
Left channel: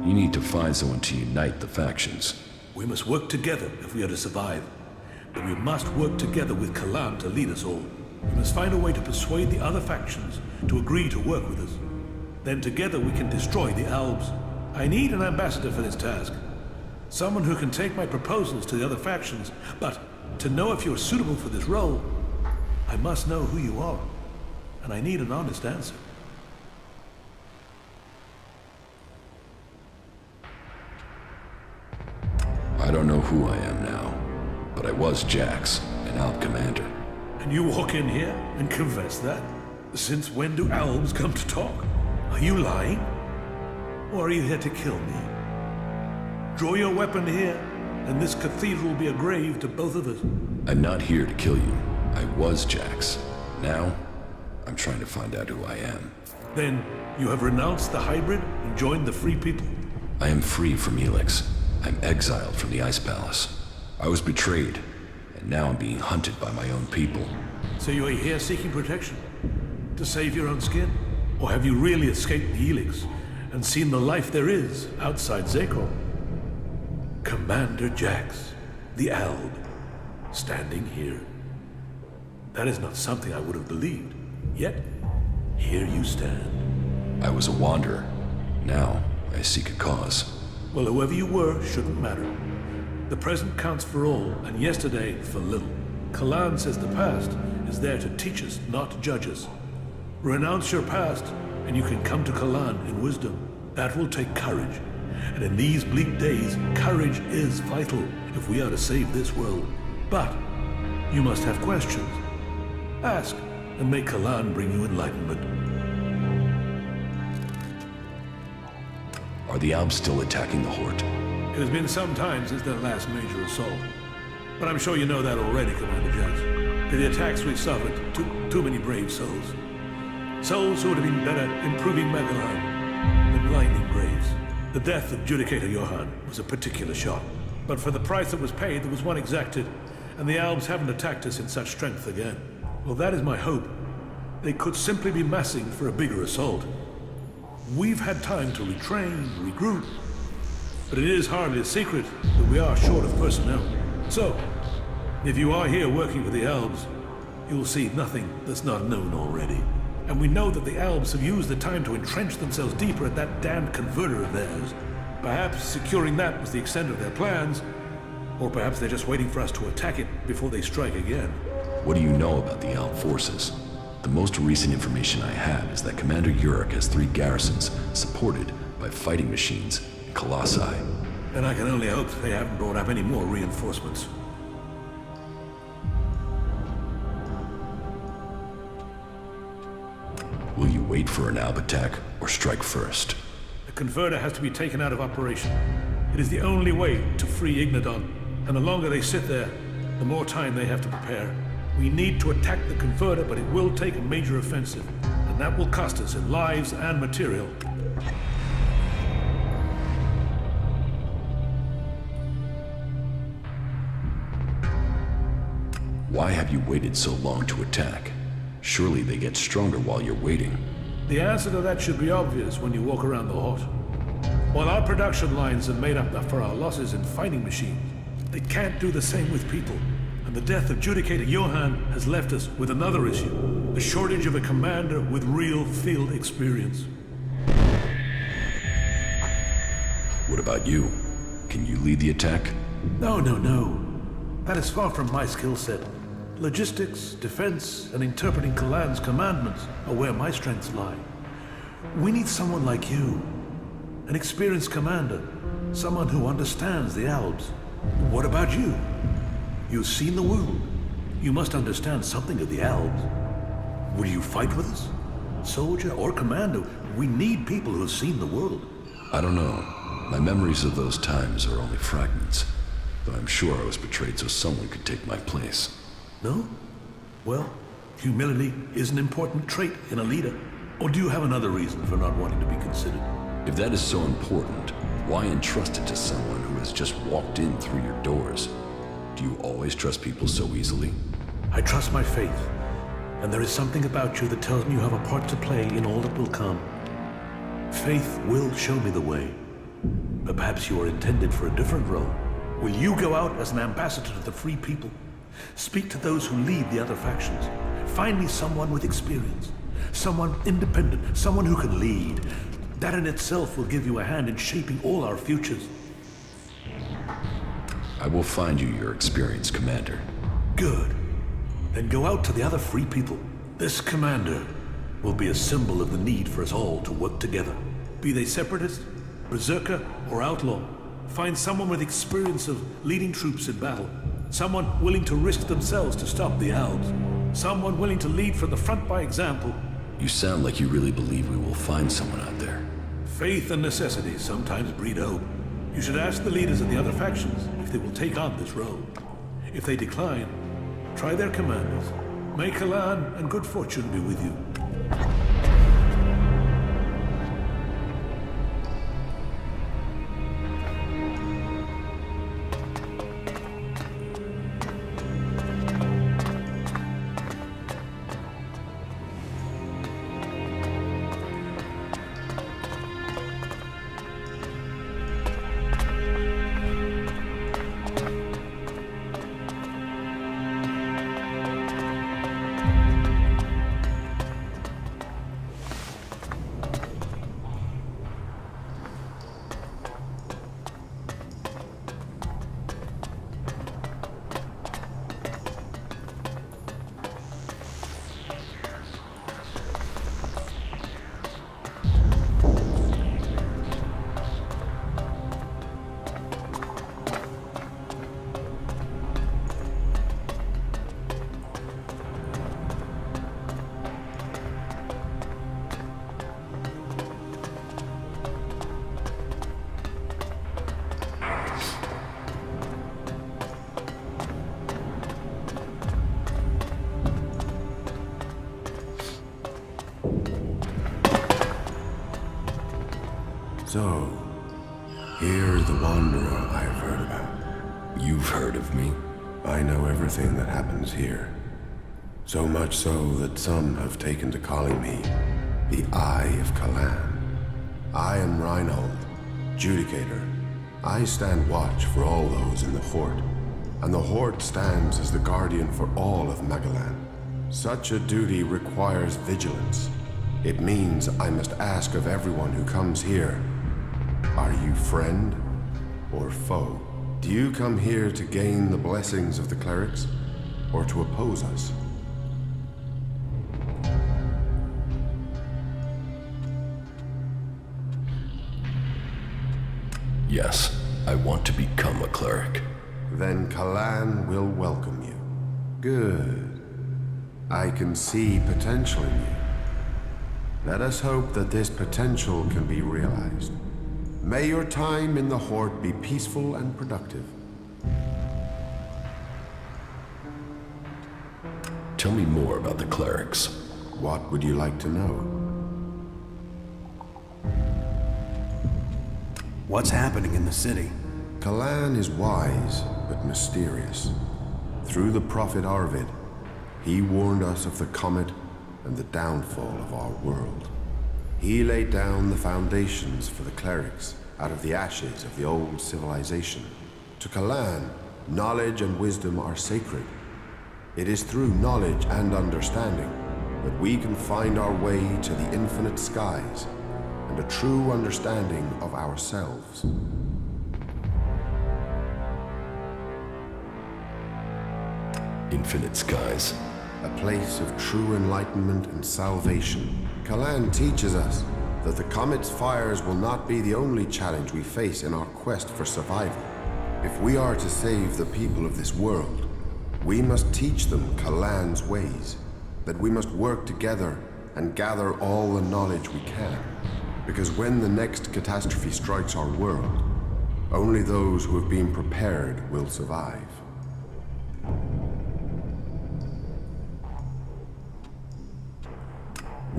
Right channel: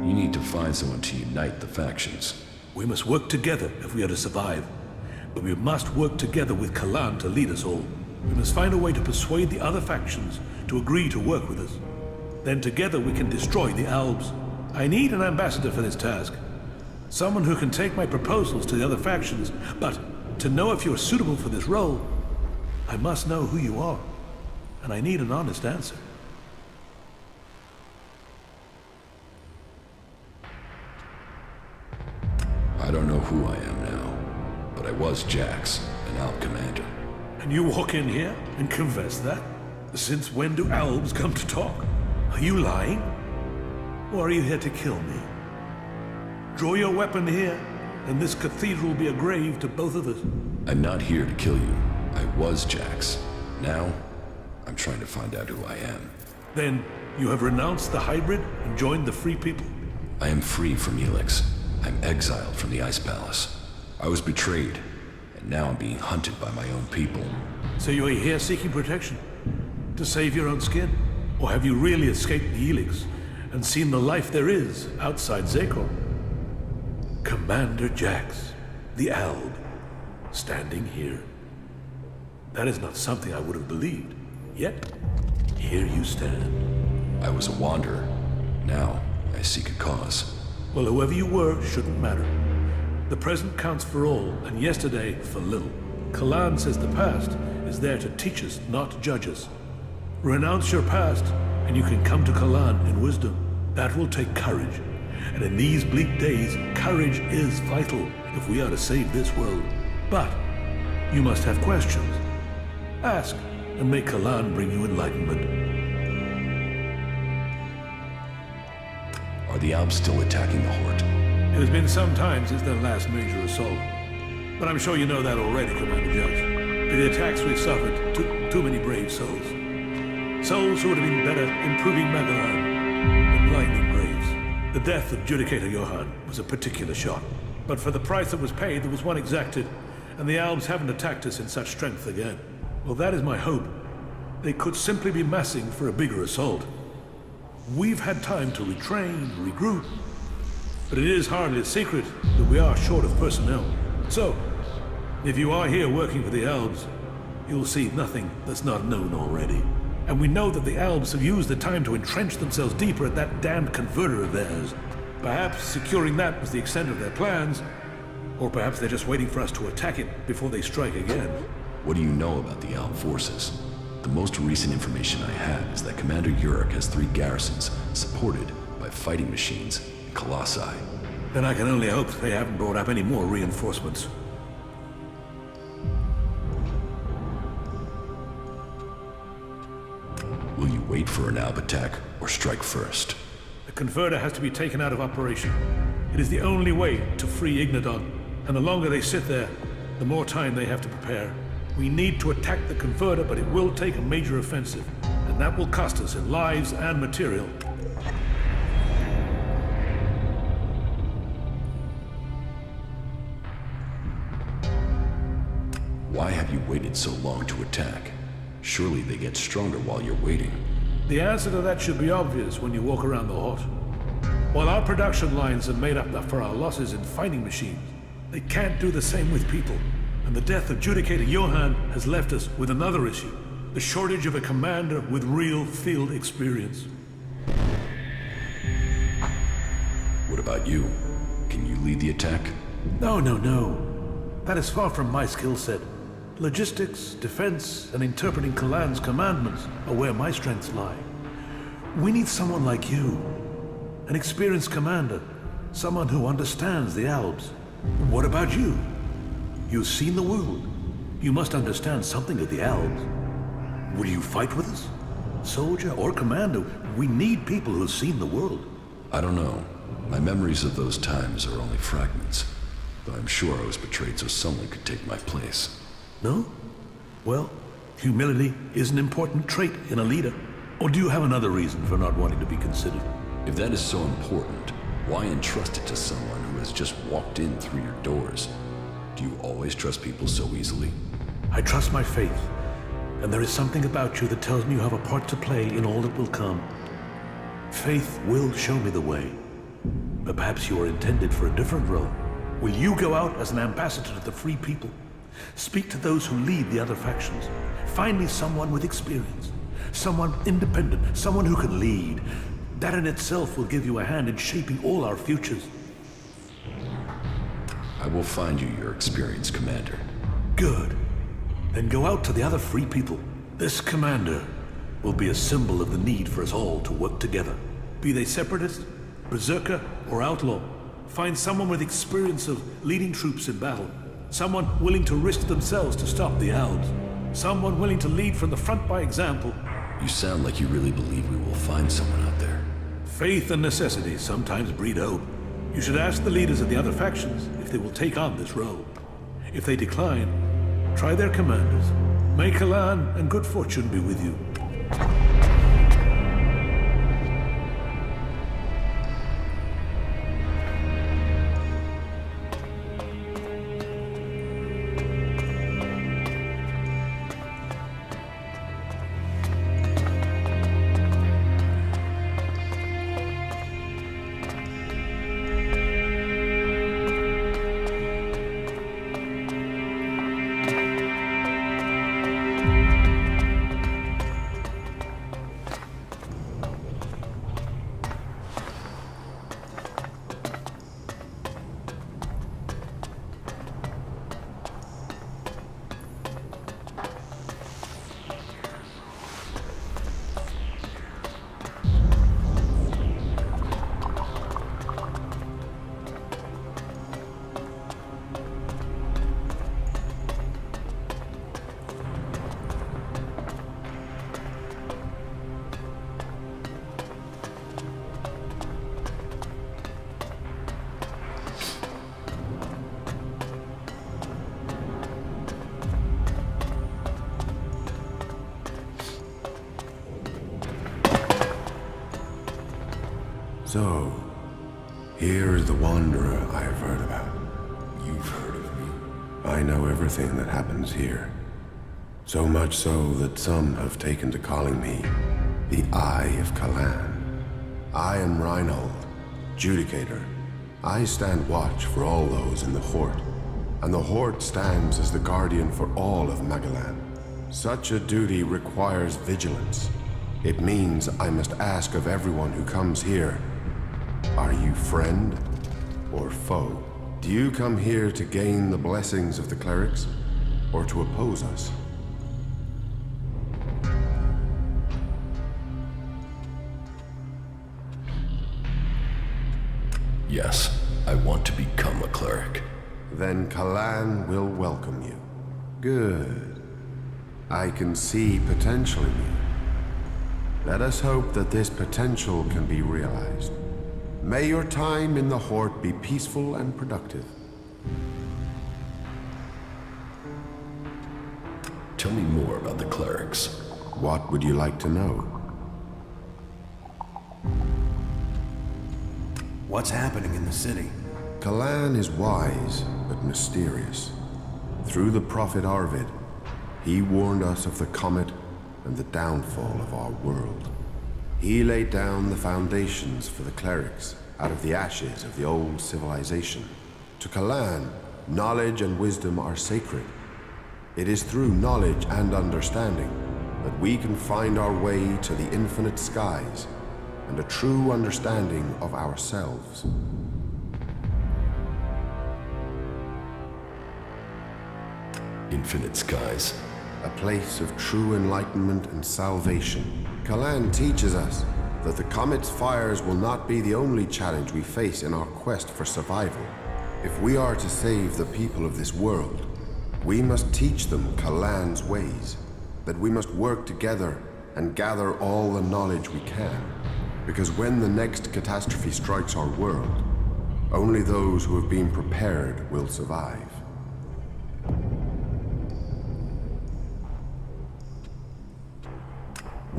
You need to find someone to unite the factions. We must work together if we are to survive. But we must work together with Kalan to lead us all. We must find a way to persuade the other factions to agree to work with us. Then together we can destroy the Albs. I need an ambassador for this task. Someone who can take my proposals to the other factions, but to know if you're suitable for this role, I must know who you are. And I need an honest answer. I don't know who I am now, but I was Jax, an Alp commander. And you walk in here and confess that? Since when do Albs come to talk? Are you lying? Or are you here to kill me? Draw your weapon here, and this cathedral will be a grave to both of us. I'm not here to kill you. I was Jax. Now, I'm trying to find out who I am. Then, you have renounced the hybrid and joined the Free People? I am free from Elex. I'm exiled from the Ice Palace. I was betrayed, and now I'm being hunted by my own people. So you are here seeking protection? To save your own skin? Or have you really escaped the Elex and seen the life there is outside Zakor? Commander Jax, the Alb, standing here. That is not something I would have believed. Yet, here you stand. I was a wanderer. Now, I seek a cause. Well, whoever you were shouldn't matter. The present counts for all, and yesterday for little. Kalan says the past is there to teach us, not to judge us. Renounce your past, and you can come to Kalan in wisdom. That will take courage. And in these bleak days, courage is vital if we are to save this world. But you must have questions. Ask, and may Kalan bring you enlightenment. Are the Alps still attacking the Horde? It has been some time since their last major assault. But I'm sure you know that already, Commander Jax. With the attacks we've suffered, too many brave souls. Souls who would have been better improving Magalan than blinding graves. The death of Judicator Johann was a particular shock. But for the price that was paid, there was one exacted, and the Albs haven't attacked us in such strength again. Well, that is my hope. They could simply be massing for a bigger assault. We've had time to retrain, regroup, but it is hardly a secret that we are short of personnel. So, If you are here working for the Elves, you'll see nothing that's not known already. And we know that the Elves have used the time to entrench themselves deeper at that damned converter of theirs. Perhaps securing that was the extent of their plans, or perhaps they're just waiting for us to attack it before they strike again. What do you know about the Elf forces? The most recent information I have is that Commander Uruk has 3 garrisons supported by fighting machines and colossi. Then I can only hope they haven't brought up any more reinforcements. Will you wait for an Alb attack or strike first? The converter has to be taken out of operation. It is the only way to free Ignadon, and the longer they sit there, the more time they have to prepare. We need to attack the converter, but it will take a major offensive, and that will cost us in lives and material. Why have you waited so long to attack? Surely they get stronger while you're waiting. The answer to that should be obvious when you walk around the hut. While our production lines have made up for our losses in fighting machines, they can't do the same with people. And the death of Judicator Johann has left us with another issue: the shortage of a commander with real field experience. What about you? Can you lead the attack? No. That is far from my skill set. Logistics, defense, and interpreting Kalan's commandments are where my strengths lie. We need someone like you. An experienced commander. Someone who understands the Albs. What about you? You've seen the world. You must understand something of the Albs. Will you fight with us? Soldier or commander, we need people who've seen the world. I don't know. My memories of those times are only fragments. Though I'm sure I was betrayed so someone could take my place. No? Well, humility is an important trait in a leader. Or do you have another reason for not wanting to be considered? If that is so important, why entrust it to someone who has just walked in through your doors? Do you always trust people so easily? I trust my faith, and there is something about you that tells me you have a part to play in all that will come. Faith will show me the way. But perhaps you are intended for a different role. Will you go out as an ambassador to the free people? Speak to those who lead the other factions. Find me someone with experience. Someone independent. Someone who can lead. That in itself will give you a hand in shaping all our futures. I will find you your experienced commander. Good. Then go out to the other free people. This commander will be a symbol of the need for us all to work together. Be they separatist, berserker, or outlaw. Find someone with experience of leading troops in battle. Someone willing to risk themselves to stop the Albs. Someone willing to lead from the front by example. You sound like you really believe we will find someone out there. Faith and necessity sometimes breed hope. You should ask the leaders of the other factions if they will take on this role. If they decline, try their commanders. May Kalan and good fortune be with you. So, here is the Wanderer I have heard about. You've heard of me? I know everything that happens here. So much so that some have taken to calling me the Eye of Kalan. I am Reinhold, Judicator. I stand watch for all those in the Horde. and the Horde stands as the guardian for all of Magalan. Such a duty requires vigilance. It means I must ask of everyone who comes here, are you friend or foe? Do you come here to gain the blessings of the clerics, or to oppose us? Yes, I want to become a cleric. Then Kalan will welcome you. Good. I can see potential in you. Let us hope that this potential can be realized. May your time in the Horde be peaceful and productive. Tell me more about the clerics. What would you like to know? What's happening in the city? Kalan is wise, but mysterious. Through the prophet Arvid, he warned us of the comet and the downfall of our world. He laid down the foundations for the clerics out of the ashes of the old civilization. To Kalan, knowledge and wisdom are sacred. It is through knowledge and understanding that we can find our way to the infinite skies and a true understanding of ourselves. Infinite skies. A place of true enlightenment and salvation. Kalan teaches us that the comet's fires will not be the only challenge we face in our quest for survival. If we are to save the people of this world, we must teach them Kalan's ways, that we must work together and gather all the knowledge we can. Because when the next catastrophe strikes our world, only those who have been prepared will survive.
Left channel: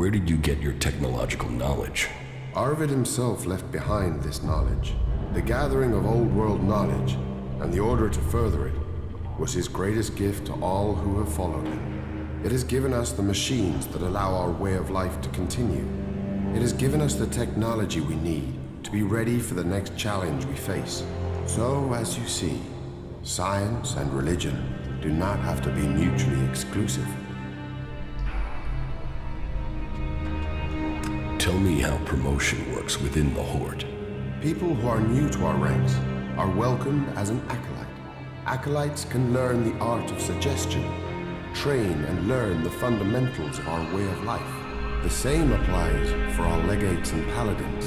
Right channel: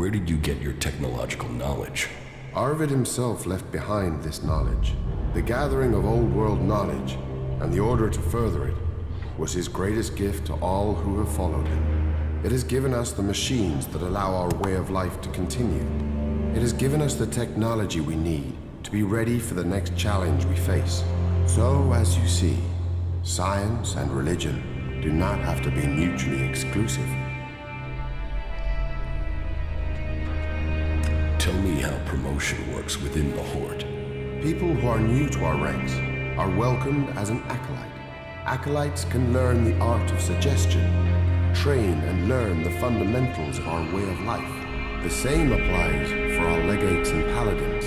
Where did you get your technological knowledge? Arvid himself left behind this knowledge. The gathering of old world knowledge, and the order to further it, was his greatest gift to all who have followed him. It has given us the machines that allow our way of life to continue. It has given us the technology we need to be ready for the next challenge we face. So, as you see, science and religion do not have to be mutually exclusive. Tell me how promotion works within the Horde. People who are new to our ranks are welcomed as an acolyte. Acolytes can learn the art of suggestion, train and learn the fundamentals of our way of life. The same applies for our legates and paladins.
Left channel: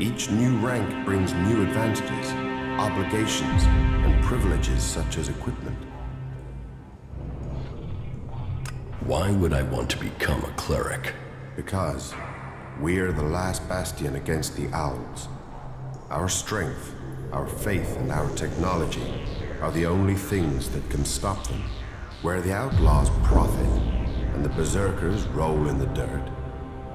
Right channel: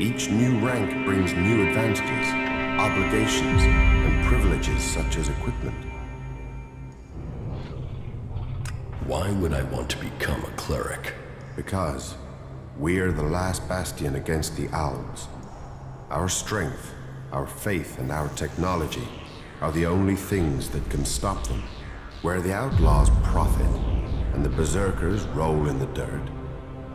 Each new rank brings new advantages, obligations, and privileges such as equipment. Why would I want to become a cleric? Because we're the last bastion against the owls. Our strength, our faith, and our technology are the only things that can stop them. Where the outlaws profit and the berserkers roll in the dirt,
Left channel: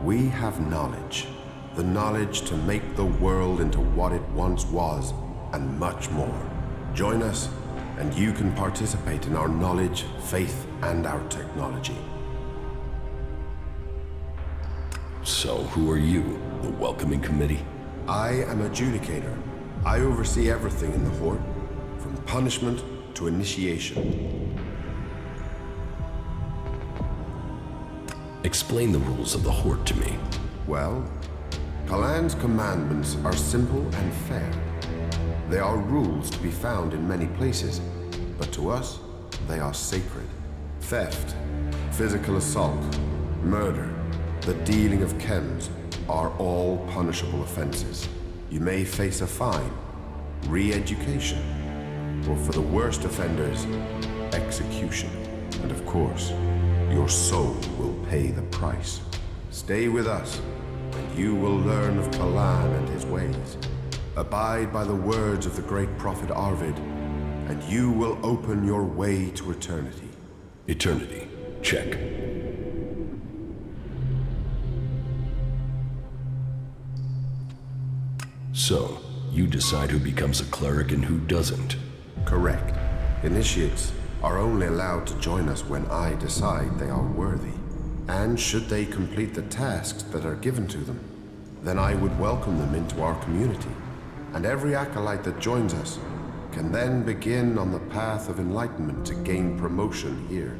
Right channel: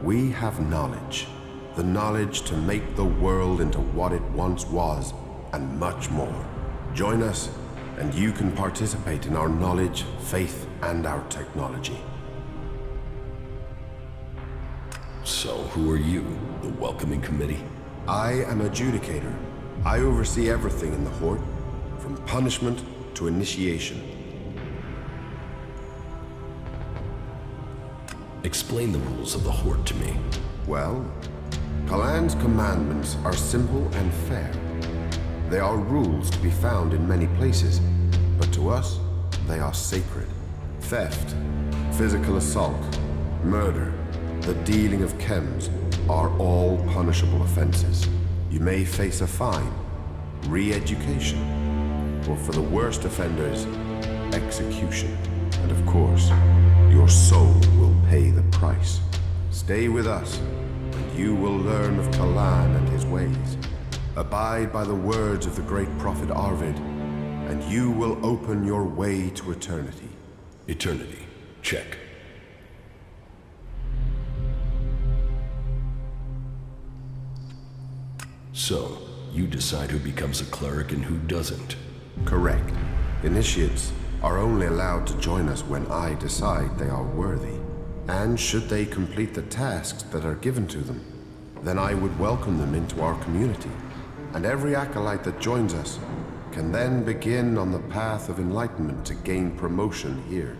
we have knowledge. The knowledge to make the world into what it once was, and much more. Join us, and you can participate in our knowledge, faith, and our technology. So, who are you? The welcoming committee? I am adjudicator. I oversee everything in the Horde, from punishment to initiation. Explain the rules of the Horde to me. Well, Kalan's commandments are simple and fair. They are rules to be found in many places, but to us, they are sacred. Theft, physical assault, murder, the dealing of chems are all punishable offenses. You may face a fine, re-education, or for the worst offenders, execution. And of course, your soul will pay the price. Stay with us, and you will learn of Kalan and his ways. Abide by the words of the great prophet Arvid, and you will open your way to eternity. Eternity. Check. So, you decide who becomes a cleric and who doesn't. Correct. Initiates are only allowed to join us when I decide they are worthy. And should they complete the tasks that are given to them, then I would welcome them into our community. And every acolyte that joins us can then begin on the path of enlightenment to gain promotion here.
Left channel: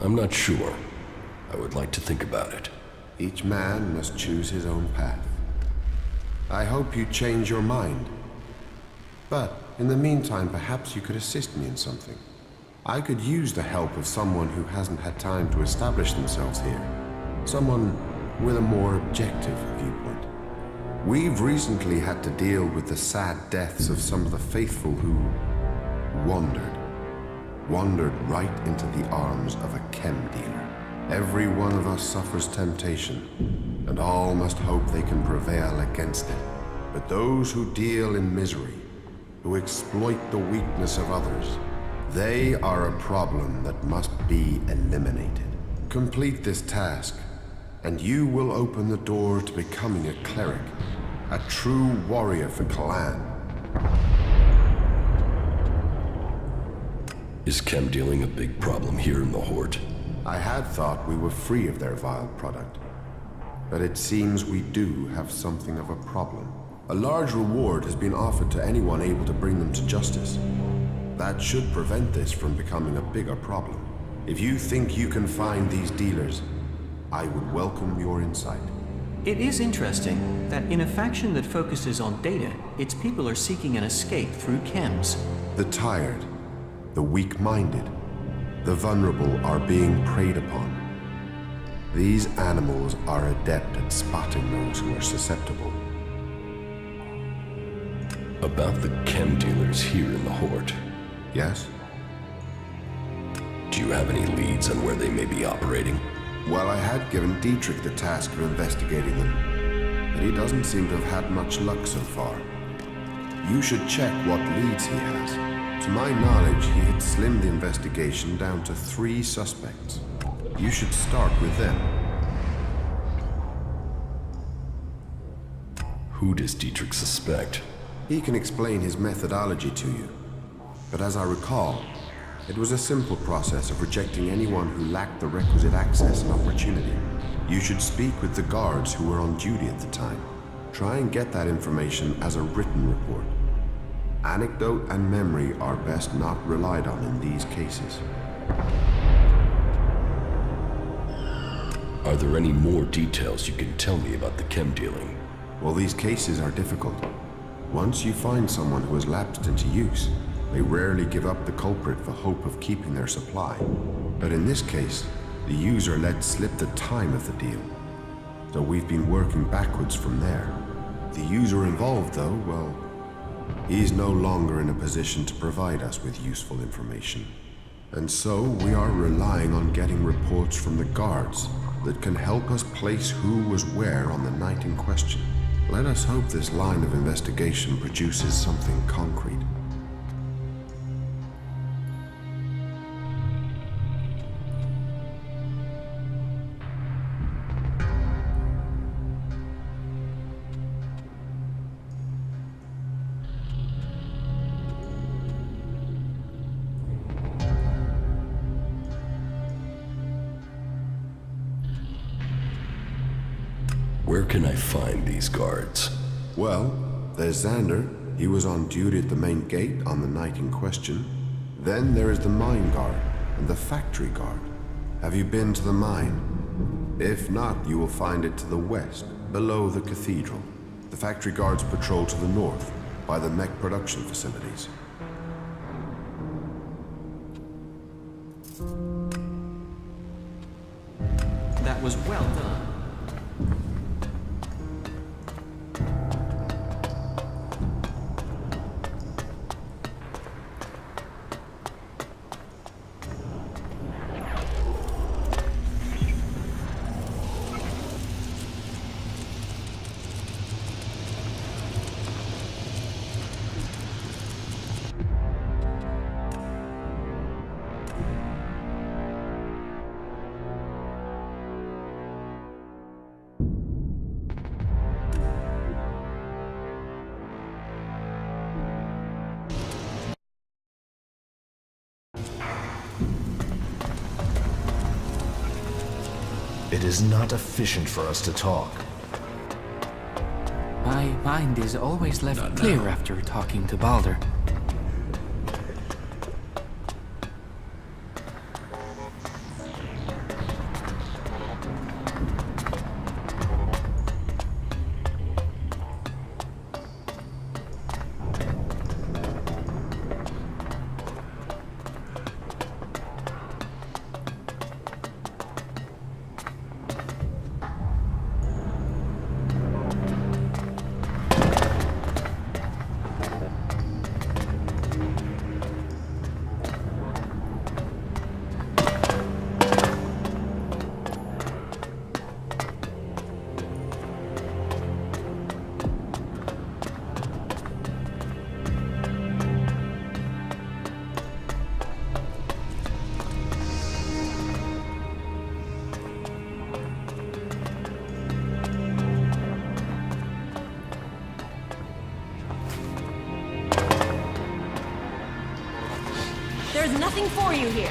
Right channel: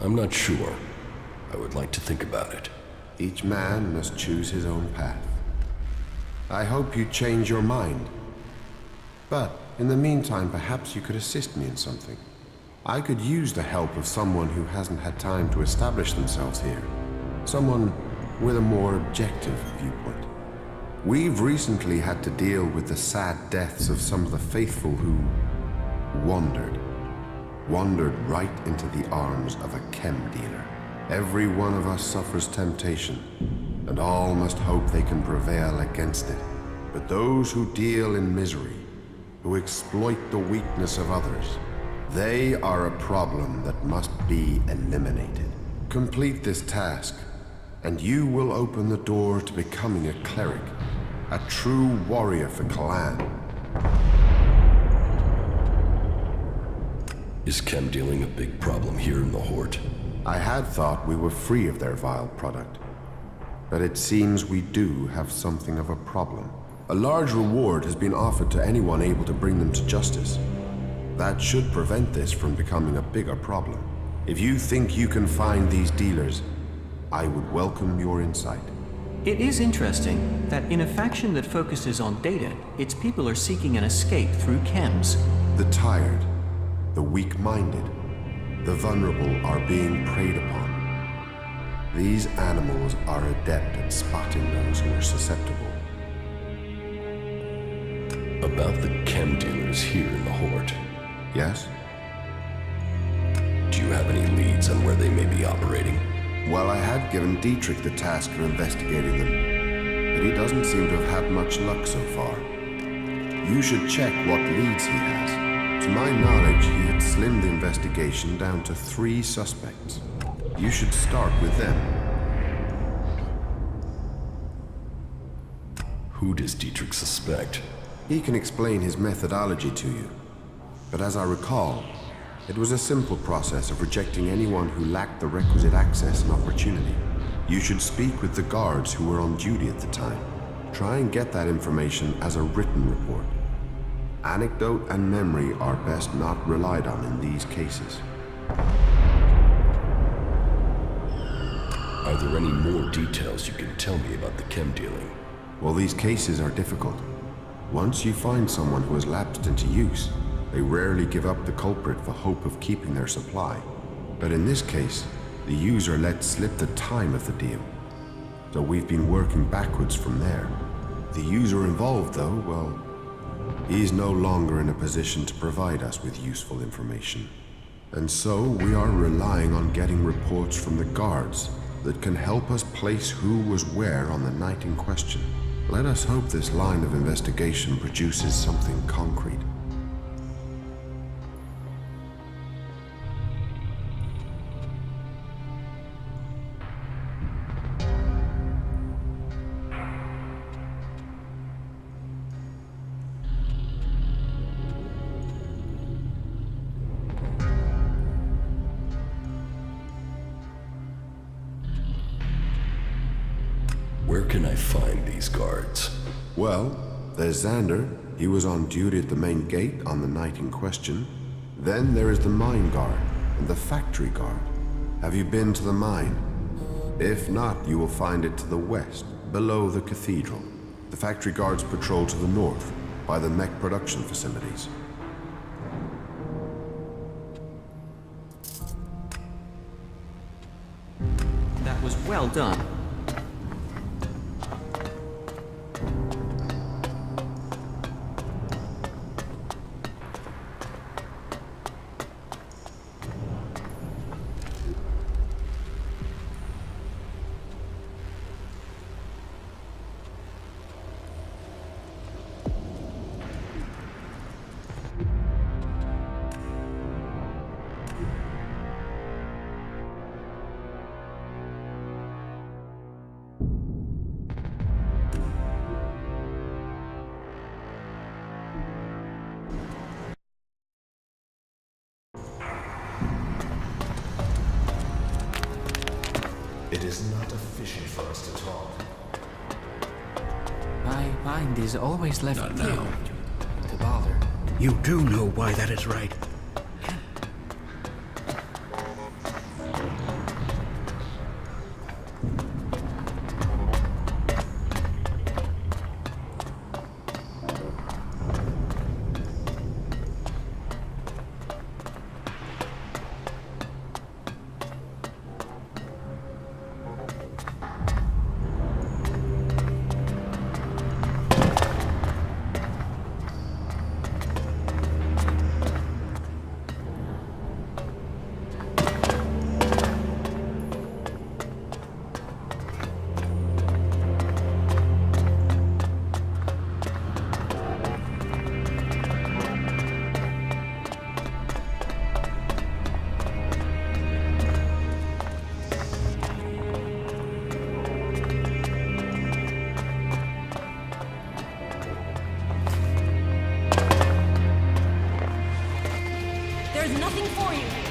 I'm not sure. I would like to think about it. Each man must choose his own path. I hope you change your mind. But in the meantime, perhaps you could assist me in something. I could use the help of someone who hasn't had time to establish themselves here. Someone with a more objective viewpoint. We've recently had to deal with the sad deaths of some of the faithful who wandered right into the arms of a chem dealer. Every one of us suffers temptation, and all must hope they can prevail against it. But those who deal in misery, who exploit the weakness of others, they are a problem that must be eliminated. Complete this task, and you will open the door to becoming a cleric, a true warrior for Clan. Is chem dealing a big problem here in the Hort? I had thought we were free of their vile product, but it seems we do have something of a problem. A large reward has been offered to anyone able to bring them to justice. That should prevent this from becoming a bigger problem. If you think you can find these dealers, I would welcome your insight. It is interesting that in a faction that focuses on data, its people are seeking an escape through chems. The tired, the weak-minded, the vulnerable are being preyed upon. These animals are adept at spotting those who are susceptible. About the chem dealers here in the Hort. Yes? Do you have any leads on where they may be operating? Well, I had given Dietrich the task of investigating them, but he doesn't seem to have had much luck so far. You should check what leads he has. To my knowledge, he had slimmed the investigation down to 3 suspects. You should start with them. Who does Dietrich suspect? He can explain his methodology to you. But as I recall, it was a simple process of rejecting anyone who lacked the requisite access and opportunity. You should speak with the guards who were on duty at the time. Try and get that information as a written report. Anecdote and memory are best not relied on in these cases. Are there any more details you can tell me about the chem dealing? Well, these cases are difficult. Once you find someone who has lapsed into use, they rarely give up the culprit for hope of keeping their supply. But in this case, the user let slip the time of the deal. So we've been working backwards from there. The user involved, though, well, he's no longer in a position to provide us with useful information. And so we are relying on getting reports from the guards that can help us place who was where on the night in question. Let us hope this line of investigation produces something concrete. Where can I find these guards? Well, there's Xander. He was on duty at the main gate on the night in question. Then there is the mine guard and the factory guard. Have you been to the mine? If not, you will find it to the west, below the cathedral. The factory guards patrol to the north, by the mech production facilities. That was well done. It is not efficient for us to talk. My mind is always left Not clear now. after talking to Balder. You do know why that is right. There's nothing for you here.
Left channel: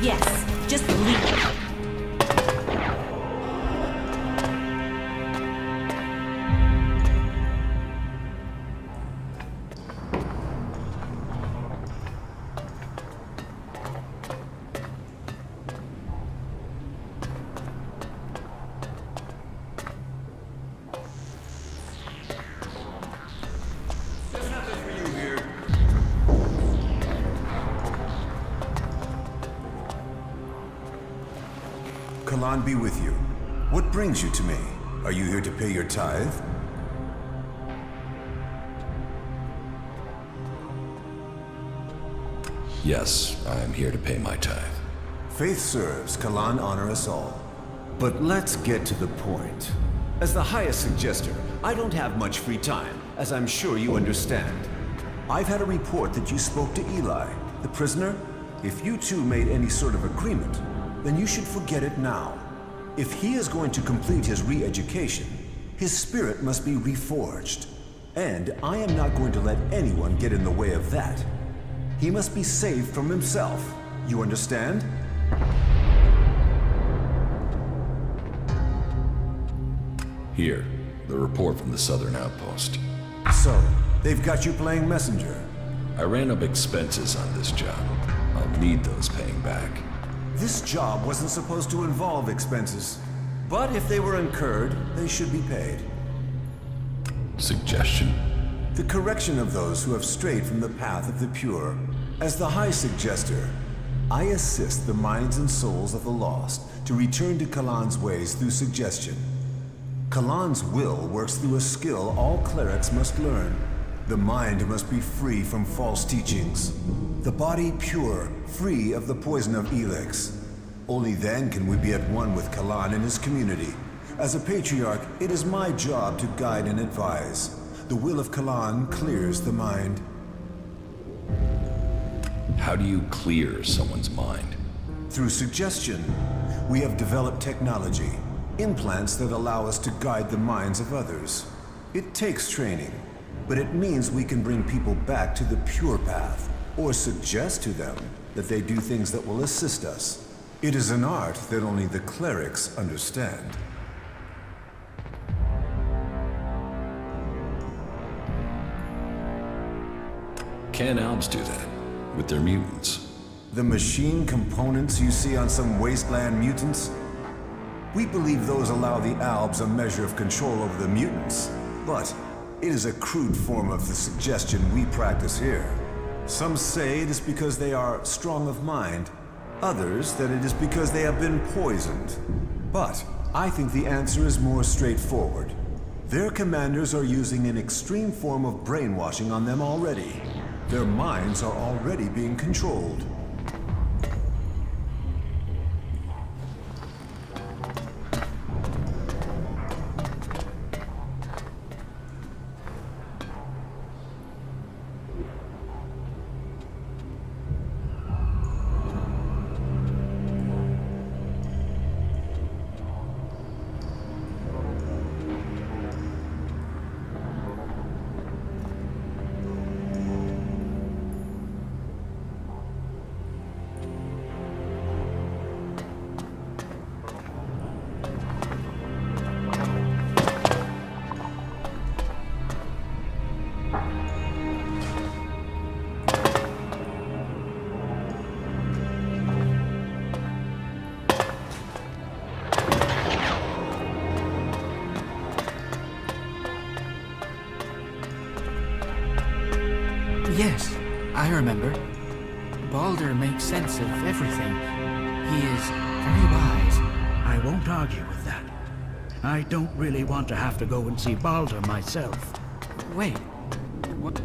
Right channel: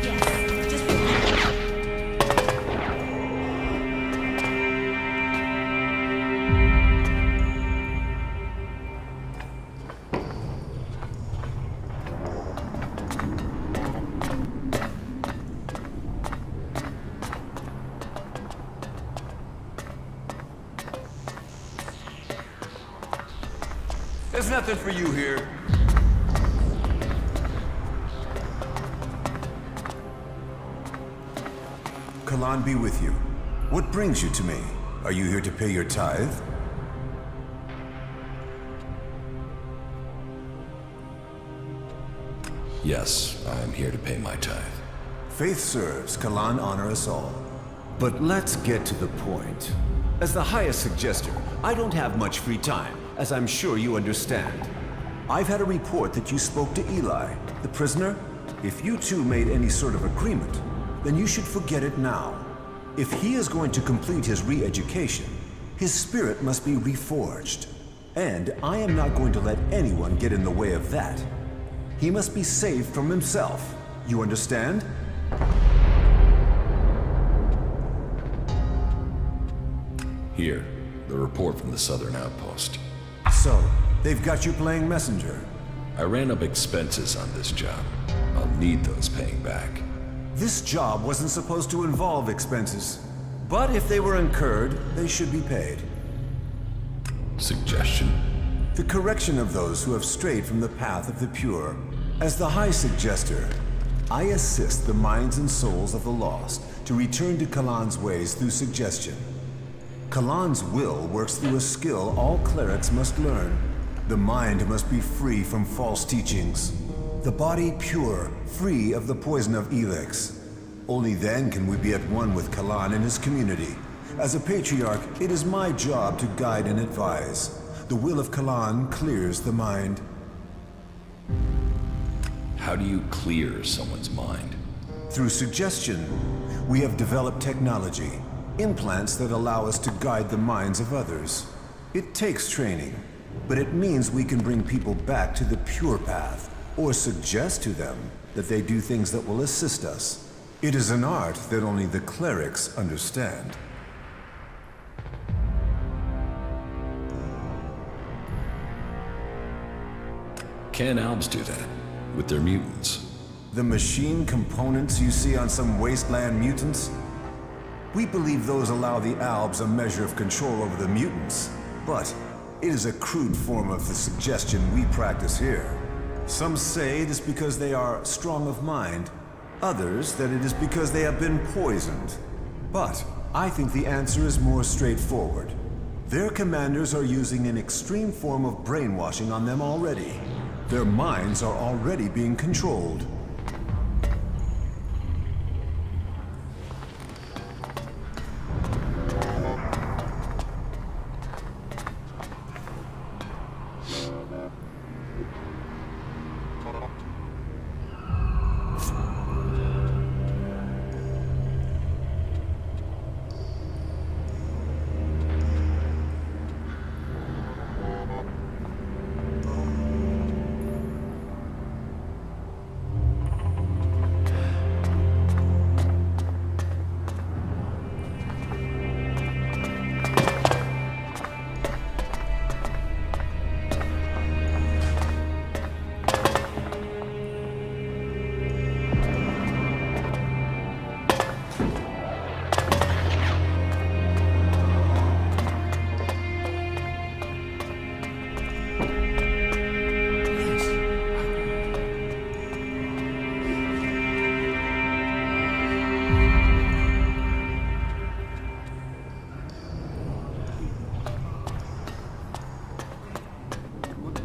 Yes, just leave. There's nothing for you here. Kalan be with you. What brings you to me? Are you here to pay your tithe? Yes, I am here to pay my tithe. Faith serves, Kalan honor us all. But let's get to the point. As the highest suggester, I don't have much free time, as I'm sure you understand. I've had a report that you spoke to Eli, the prisoner. If you two made any sort of agreement, then you should forget it now. If he is going to complete his re-education, his spirit must be reforged. And I am not going to let anyone get in the way of that. He must be saved from himself. You understand? Here, the report from the Southern Outpost. So, they've got you playing messenger. I ran up expenses on this job. I'll need those paying back. This job wasn't supposed to involve expenses. But if they were incurred, they should be paid. Suggestion? The correction of those who have strayed from the path of the pure. As the High Suggester, I assist the minds and souls of the lost to return to Kalan's ways through suggestion. Kalan's will works through a skill all clerics must learn. The mind must be free from false teachings. The body pure, free of the poison of Elex. Only then can we be at one with Kalan and his community. As a patriarch, it is my job to guide and advise. The will of Kalan clears the mind. How do you clear someone's mind? Through suggestion. We have developed technology, implants that allow us to guide the minds of others. It takes training, but it means we can bring people back to the pure path, or suggest to them that they do things that will assist us. It is an art that only the clerics understand. Can Albs do that? With their mutants? The machine components you see on some wasteland mutants? We believe those allow the Albs a measure of control over the mutants, but it is a crude form of the suggestion we practice here. Some say it is because they are strong of mind, others that it is because they have been poisoned. But I think the answer is more straightforward. Their commanders are using an extreme form of brainwashing on them already. Their minds are already being controlled. don't really want to have to go and see Baldur myself. Wait, what?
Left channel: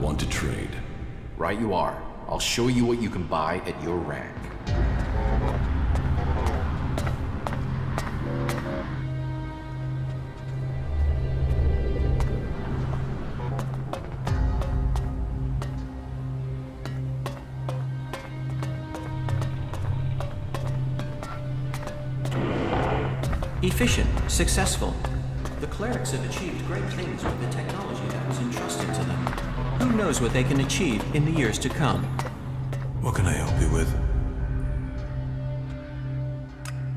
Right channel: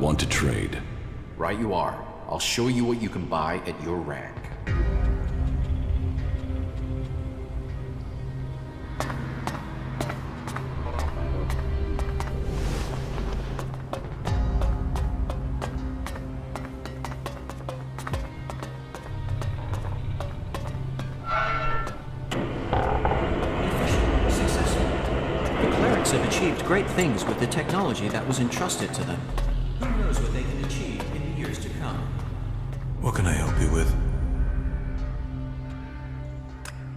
Want to trade. Right you are. I'll show you what you can buy at your rank. Efficient, successful. The clerics have achieved great things with the technology that was entrusted to them. Who knows what they can achieve in the years to come? What can I help you with?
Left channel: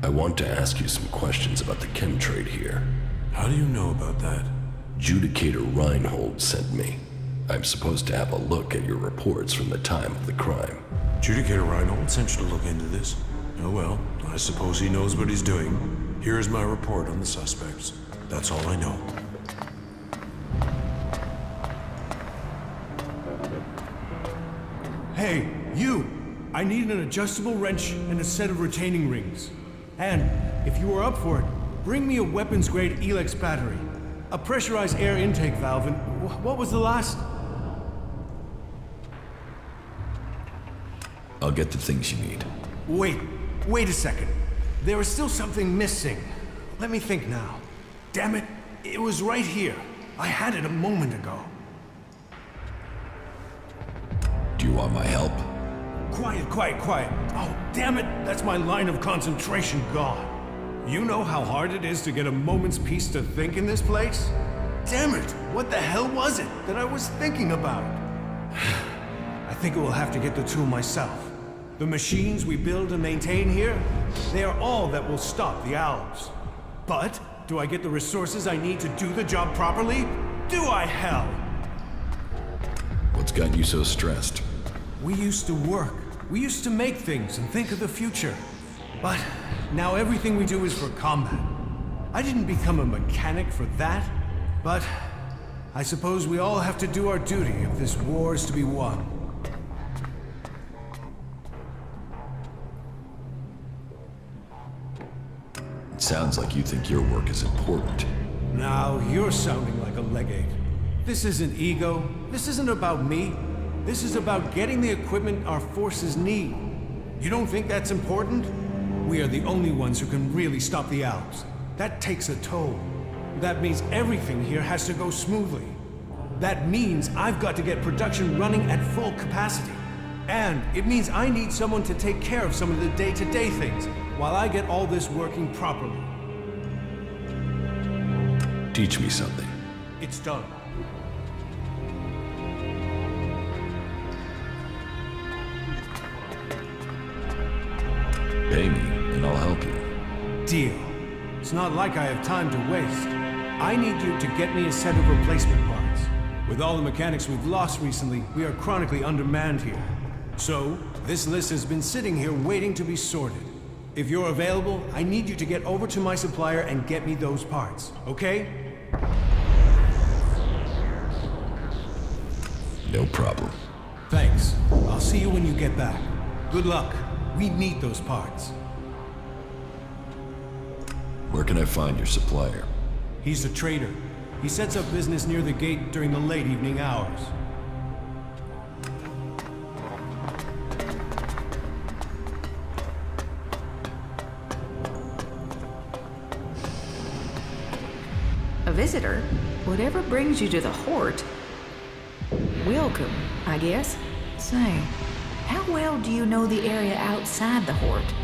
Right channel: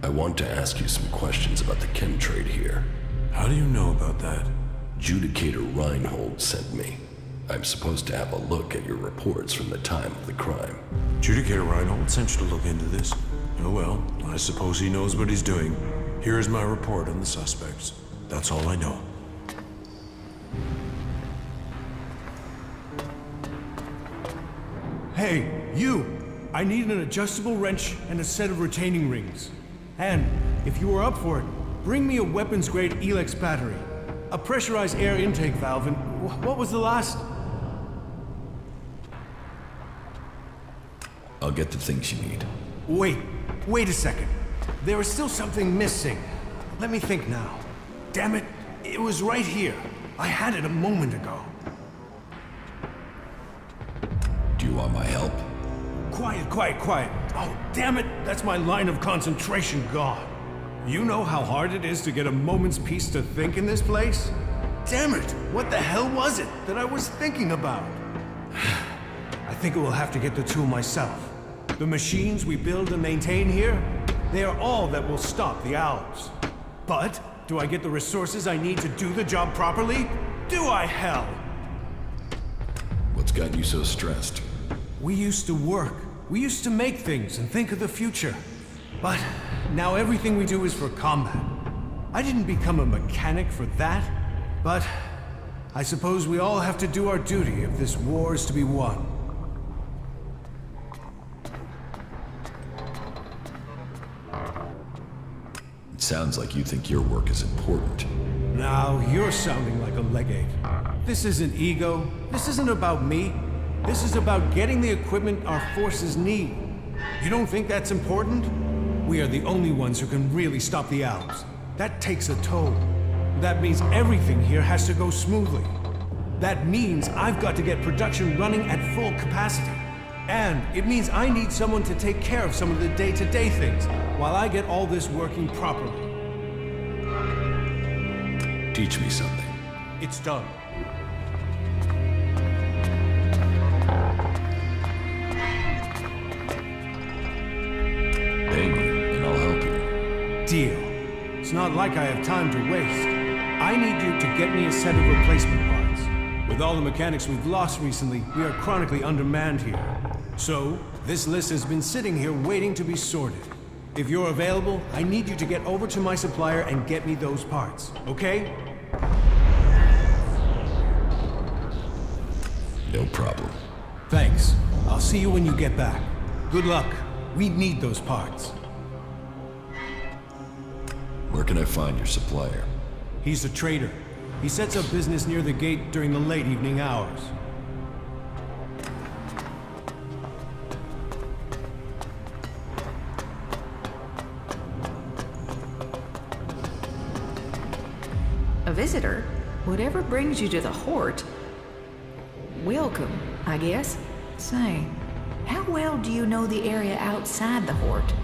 I want to ask you some questions about the chem trade here. How do you know about that? Judicator Reinhold sent me. I'm supposed to have a look at your reports from the time of the crime. Judicator Reinhold sent you to look into this? Oh well, I suppose he knows what he's doing. Here is my report on the suspects. That's all I know. Hey, you! I need an adjustable wrench and a set of retaining rings. And, if you are up for it, bring me a weapons-grade Elex battery, a pressurized air intake valve, and what was the last? I'll get the things you need. Wait a second. There is still something missing. Let me think now. Damn it, it was right here. I had it a moment ago. Do you want my help? Quiet. Oh, damn it, that's my line of concentration gone. You know how hard it is to get a moment's peace to think in this place? Damn it, what the hell was it that I was thinking about? I think I will have to get the tool myself. The machines we build and maintain here, they are all that will stop the owls. But, do I get the resources I need to do the job properly? Do I, hell? What's got you so stressed? We used to work. We used to make things and think of the future. But now everything we do is for combat. I didn't become a mechanic for that, but I suppose we all have to do our duty if this war is to be won. It sounds like you think your work is important. Now, you're sounding like a legate. This isn't ego. This isn't about me. This is about getting the equipment our forces need. You don't think that's important? We are the only ones who can really stop the Alps. That takes a toll. That means everything here has to go smoothly. That means I've got to get production running at full capacity. And it means I need someone to take care of some of the day-to-day things while I get all this working properly. Teach me something. It's done. Pay me, and I'll help you. Deal. It's not like I have time to waste. I need you to get me a set of replacement parts. With all the mechanics we've lost recently, we are chronically undermanned here. So, this list has been sitting here waiting to be sorted. If you're available, I need you to get over to my supplier and get me those parts, okay? No problem. Thanks. I'll see you when you get back. Good luck. We need those parts. Where can I find your supplier? He's a trader. He sets up business near the gate during the late evening hours. A visitor? Whatever brings you to the Hort? Welcome, I guess. Say, how well do you know the area outside the Hort?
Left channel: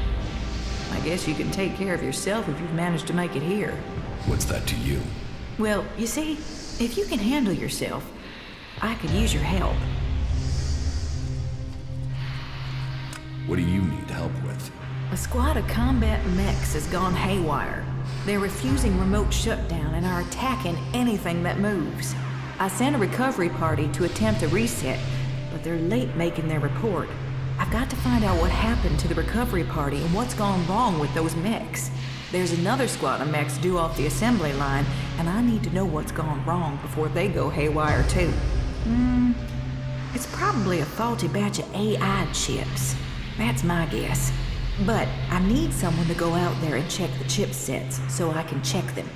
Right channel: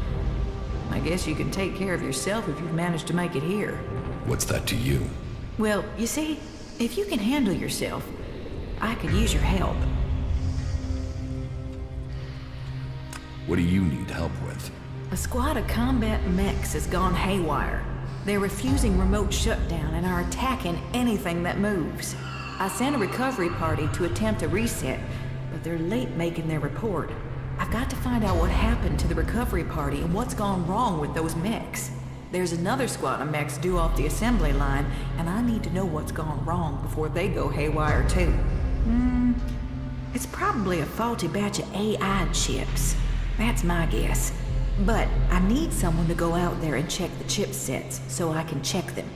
I guess you can take care of yourself if you've managed to make it here. What's that to you? Well, you see, if you can handle yourself, I could use your help. What do you need help with? A squad of combat mechs has gone haywire. They're refusing remote shutdown and are attacking anything that moves. I sent a recovery party to attempt a reset, but they're late making their report. I've got to find out what happened to the recovery party and what's gone wrong with those mechs. There's another squad of mechs due off the assembly line, and I need to know what's gone wrong before they go haywire too. It's probably a faulty batch of AI chips. That's my guess. But I need someone to go out there and check the chipsets so I can check them.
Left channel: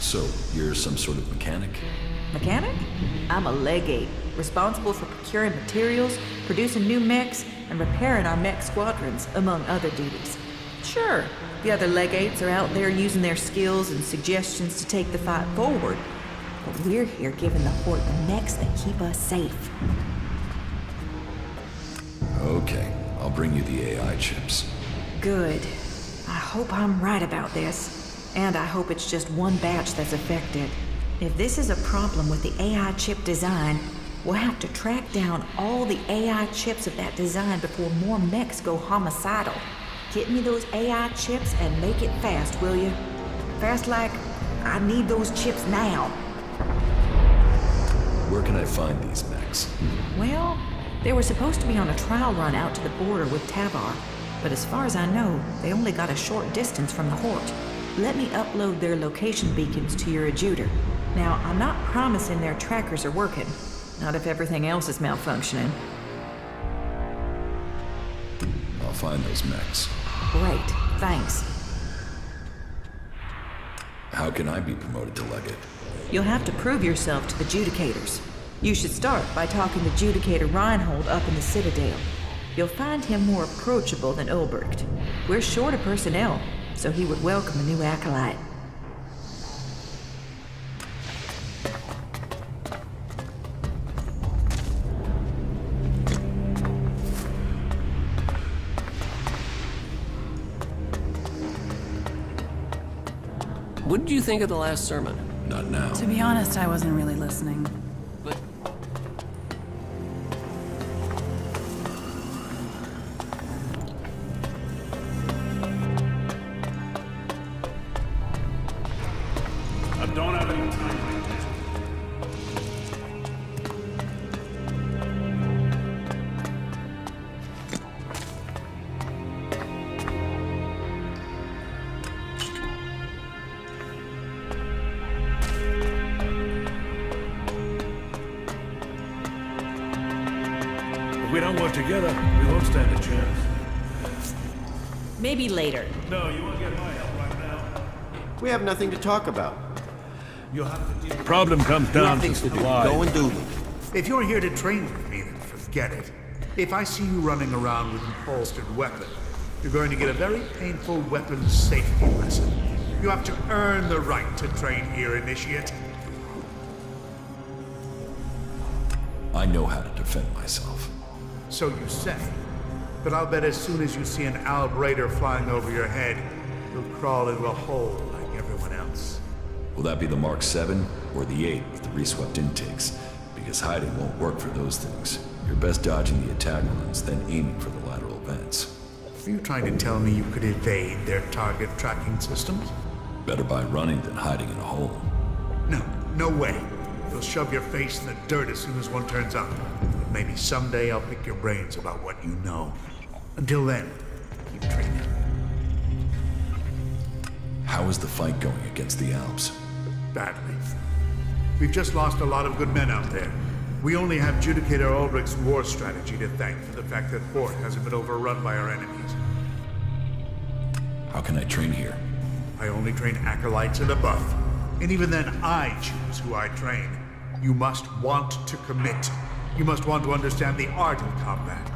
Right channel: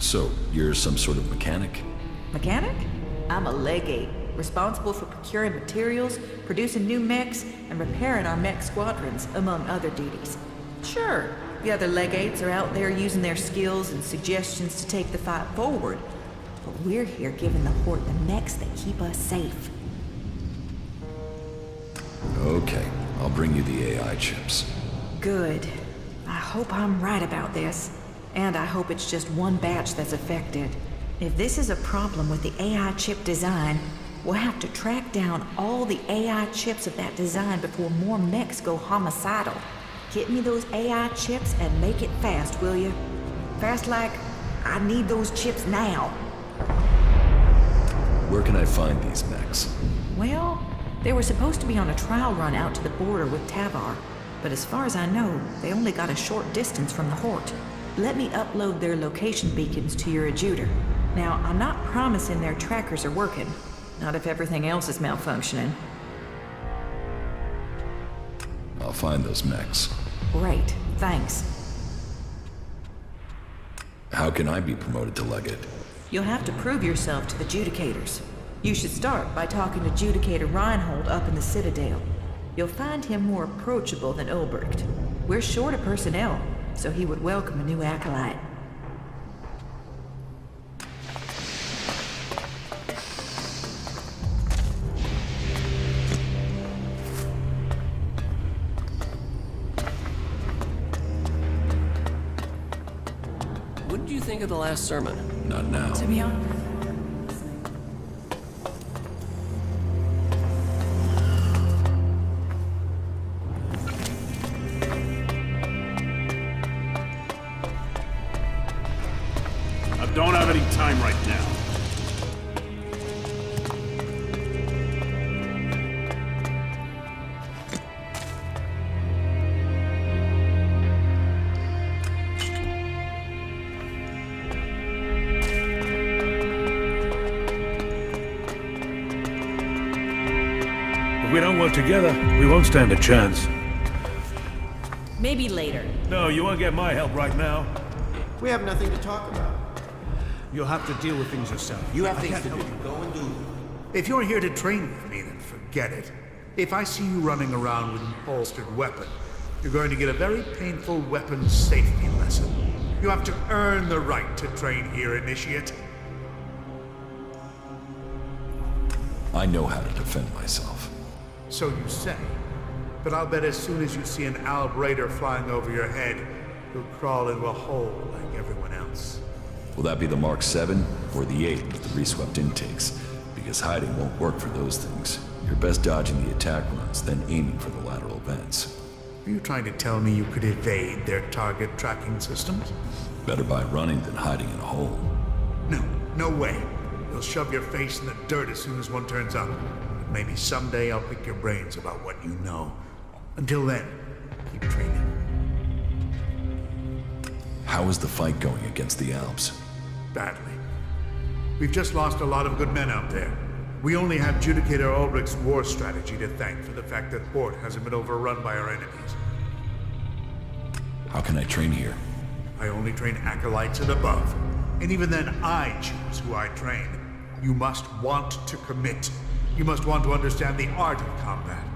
So, you're some sort of mechanic? Mechanic? I'm a legate, responsible for procuring materials, producing new mechs, and repairing our mech squadrons, among other duties. Sure, the other legates are out there using their skills and suggestions to take the fight forward, but we're here giving the Horde the mechs that keep us safe. Okay, I'll bring you the AI chips. Good. I hope I'm right about this. And I hope it's just one batch that's affected. If this is a problem with the AI chip design, we'll have to track down all the AI chips of that design before more mechs go homicidal. Get me those AI chips and make it fast, will you? Fast like, I need those chips now. Where can I find these mechs? Well, they were supposed to be on a trial run out to the border with Tavar, but as far as I know, they only got a short distance from the Horde. Let me upload their location beacons to your adjuter. Now, I'm not promising their trackers are working, not if everything else is malfunctioning. I'll find those mechs. Great, thanks. How can I be promoted to legate? You'll have to prove yourself to the Judicators. You should start by talking to Judicator Reinhold up in the Citadel. You'll find him more approachable than Ulbricht. We're short of personnel, so he would welcome a new acolyte. What did you think of the last sermon? Not now. To be honest, I wasn't really listening. I don't have any time right now. If we don't work together, we won't stand a chance. Maybe later. No, you won't get my help right now. We have nothing to talk about. You'll have to deal with problem comes down. You have things to do. Go and do them. If you're here to train with me, then forget it. If I see you running around with an holstered weapon, you're going to get a very painful weapons safety lesson. You have to earn the right to train here, Initiate. I know how to defend myself. So you say. But I'll bet as soon as you see an Alb Raider flying over your head, you'll crawl into a hole like everyone else. Will that be the Mark 7 or the 8 with the reswept intakes? Because hiding won't work for those things. You're best dodging the attack runs, then aiming for the lateral vents. Are you trying to tell me you could evade their target tracking systems? Better by running than hiding in a hole. No, no way. You'll shove your face in the dirt as soon as one turns up. But maybe someday I'll pick your brains about what you know. Until then, keep training. How is the fight going against the Alps? Badly. We've just lost a lot of good men out there. We only have Judicator Ulbricht's war strategy to thank for the fact that Hort hasn't been overrun by our enemies. How can I train here? I only train acolytes and above. And even then, I choose who I train. You must want to commit. You must want to understand the art of combat,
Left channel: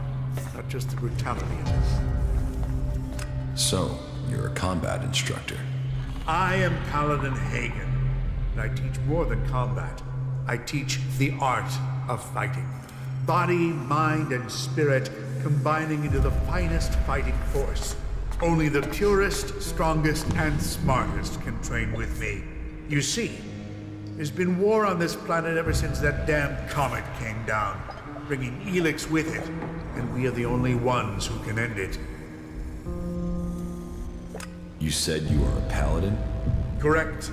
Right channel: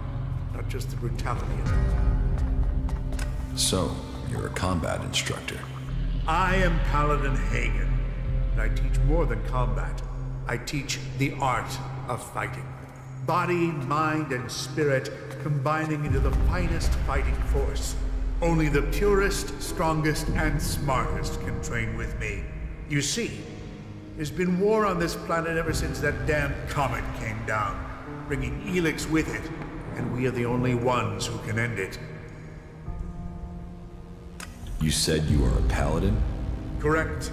not just the brutality of it. So, you're a combat instructor. I am Paladin Hagen, and I teach more than combat. I teach the art of fighting. Body, mind, and spirit combining into the finest fighting force. Only the purest, strongest, and smartest can train with me. You see, there's been war on this planet ever since that damn comet came down, bringing Elex with it, and we are the only ones who can end it. You said you are a paladin? Correct.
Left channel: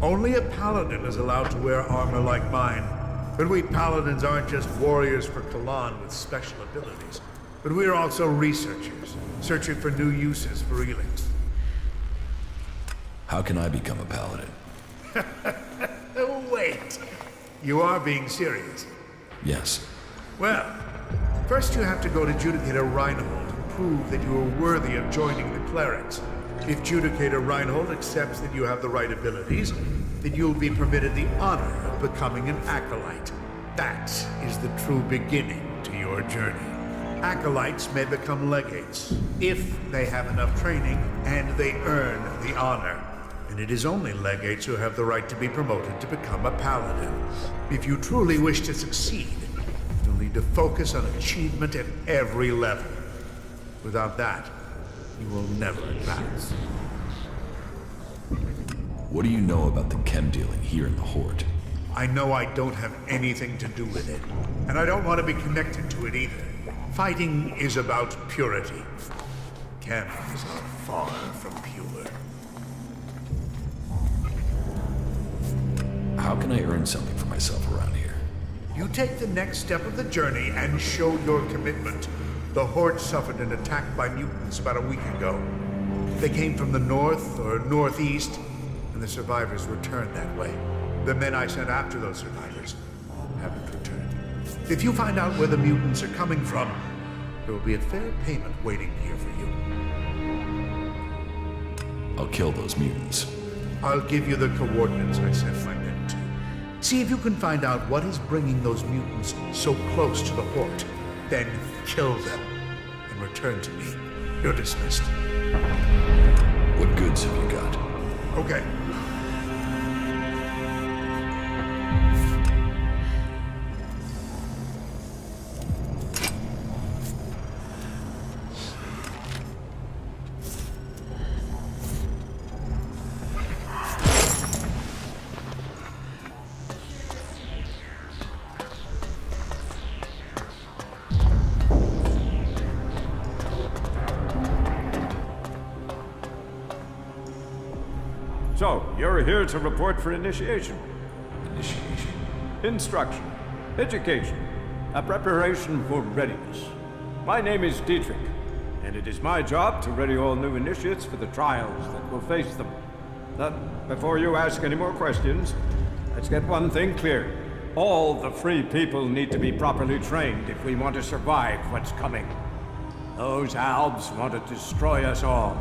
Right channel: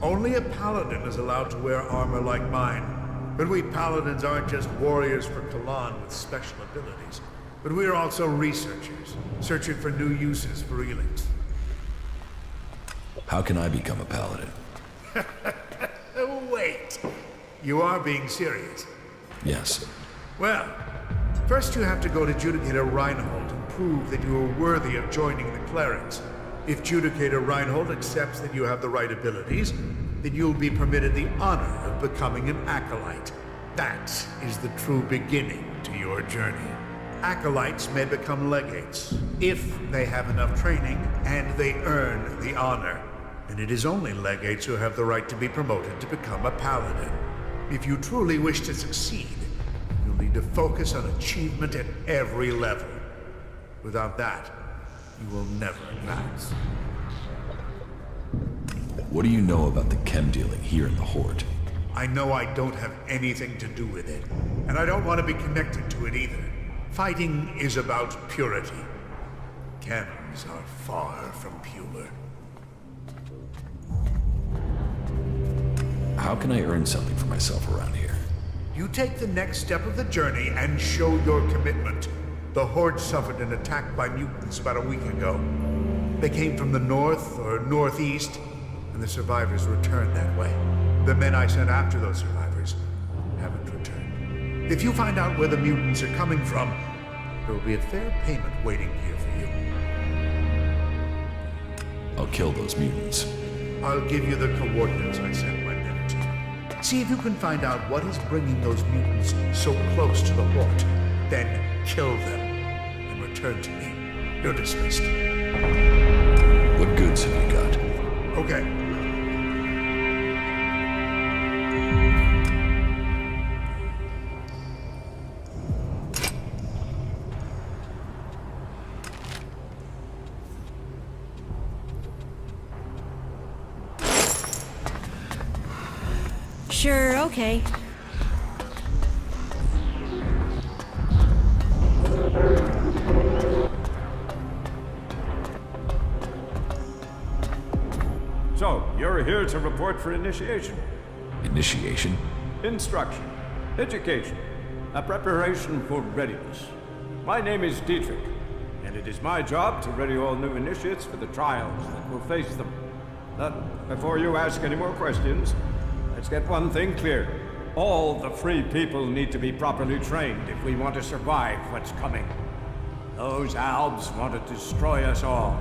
Only a paladin is allowed to wear armor like mine. But we paladins aren't just warriors for Kalan with special abilities, but we are also researchers, searching for new uses for Elex. How can I become a paladin? Wait. You are being serious? Yes. Well, first you have to go to Judicator Reinhold and prove that you are worthy of joining the Clerics. If Judicator Reinhold accepts that you have the right abilities, then you'll be permitted the honor of becoming an acolyte. That is the true beginning to your journey. Acolytes may become legates, if they have enough training and they earn the honor. And it is only legates who have the right to be promoted to become a paladin. If you truly wish to succeed, you'll need to focus on achievement at every level. Without that, you will never advance. What do you know about the chem dealing here in the Horde? I know I don't have anything to do with it, and I don't want to be connected to it either. Fighting is about purity. Chems are far from pure. How can I earn something for myself around here? You take the next step of the journey and show your commitment. The Horde suffered an attack by mutants about a week ago. They came from the north or northeast, and the survivors returned that way. The men I sent after those survivors haven't returned. If you find out where the mutants are coming from, there will be a fair payment waiting here for you. I'll kill those mutants. I'll give you the coordinates I sent my men to. See if you can find out what is bringing those mutants so close to the Horde. Then kill them and return to me. You're dismissed. What goods have you got? Okay. Sure, okay. So, you're here to report for initiation. Initiation? Instruction. Education. A preparation for readiness. My name is Dietrich, and it is my job to ready all new initiates for the trials that will face them. But before you ask any more questions, let's get one thing clear. All the free people need to be properly trained if we want to survive what's coming. Those Albs want to destroy us all.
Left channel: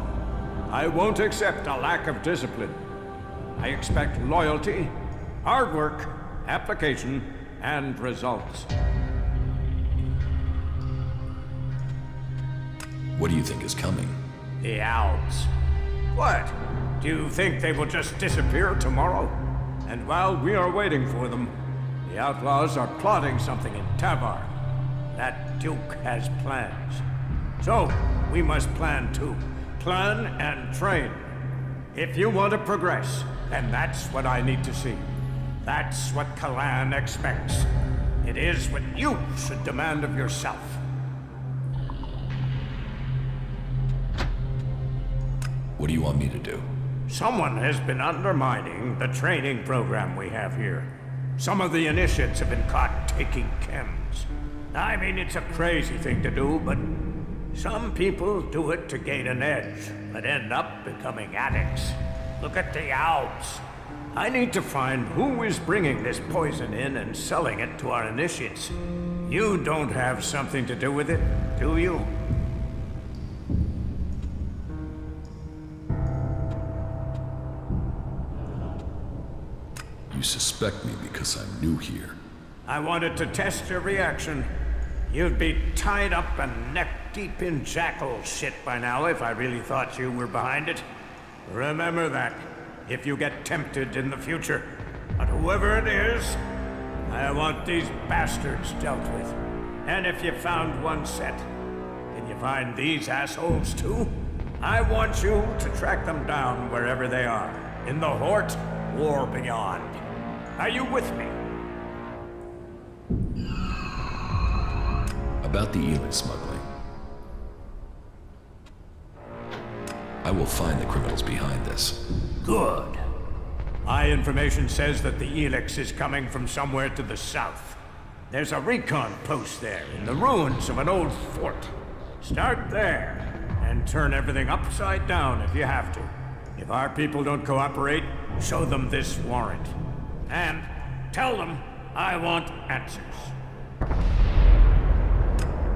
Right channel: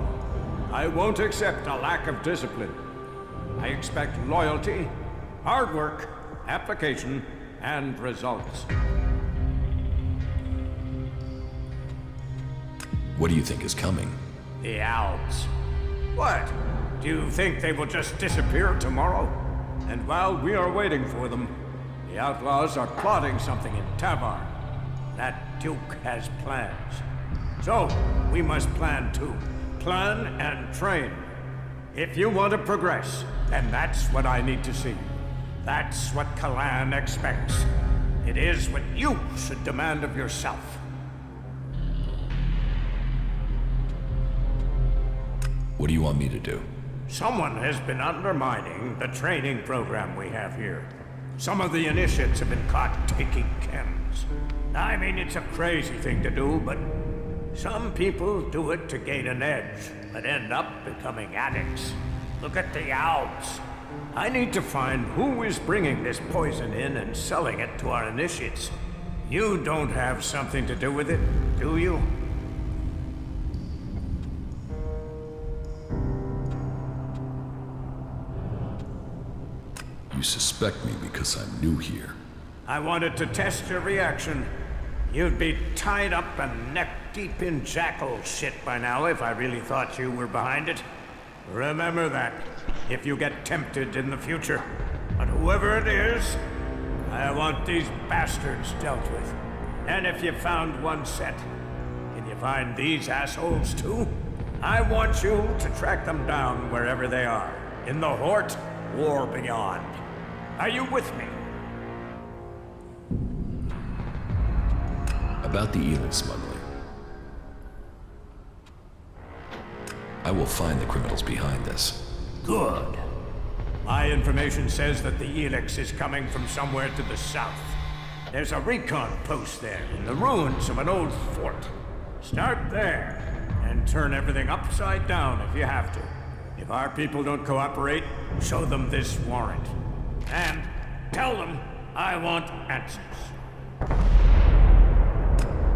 I won't accept a lack of discipline. I expect loyalty, hard work, application, and results. What do you think is coming? The Albs. What? Do you think they will just disappear tomorrow? And while we are waiting for them, the outlaws are plotting something in Tavar. That Duke has plans. So, we must plan too. Plan and train. If you want to progress, then that's what I need to see. That's what Kalan expects. It is what you should demand of yourself. What do you want me to do? Someone has been undermining the training program we have here. Some of the initiates have been caught taking chems. I mean, it's a crazy thing to do, but some people do it to gain an edge, but end up becoming addicts. Look at the Alps. I need to find who is bringing this poison in and selling it to our initiates. You don't have something to do with it, do you? You suspect me because I'm new here. I wanted to test your reaction. You'd be tied up and neck-deep in jackal shit by now if I really thought you were behind it. Remember that, if you get tempted in the future. But whoever it is, I want these bastards dealt with. And if you found one set, can you find these assholes too? I want you to track them down wherever they are, in the Hort or beyond. Are you with me? About the Elex smuggling. I will find the criminals behind this. Good. My information says that the Elex is coming from somewhere to the south. There's a recon post there, in the ruins of an old fort. Start there, and turn everything upside down if you have to. If our people don't cooperate, show them this warrant. And tell them I want answers.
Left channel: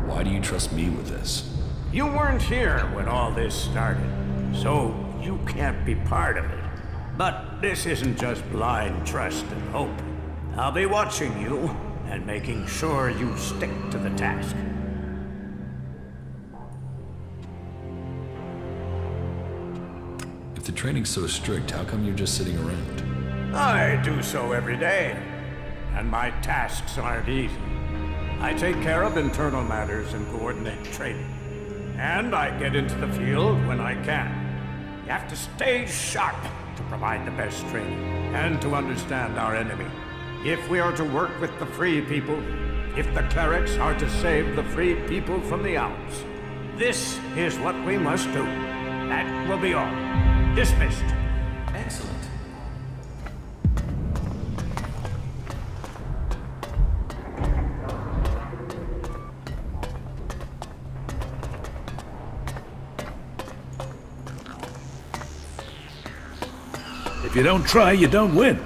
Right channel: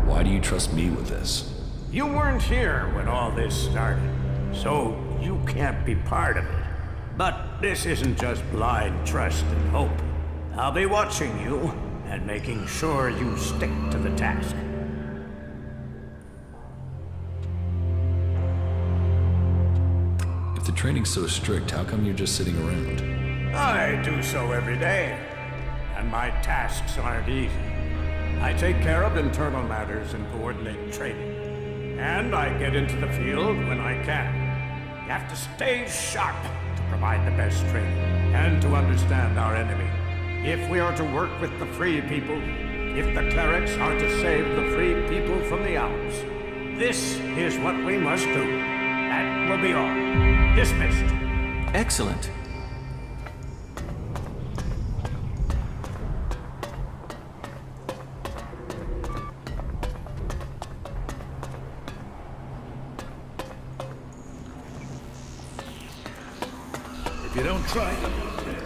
Why do you trust me with this? You weren't here when all this started, so you can't be part of it. But this isn't just blind trust and hope. I'll be watching you and making sure you stick to the task. If the training's so strict, how come you're just sitting around? I do so every day, and my tasks aren't easy. I take care of internal matters and coordinate training. And I get into the field when I can. You have to stay sharp to provide the best training, and to understand our enemy. If we are to work with the free people, if the clerics are to save the free people from the owls, this is what we must do. That will be all. Dismissed. Excellent. If you don't try, you don't win.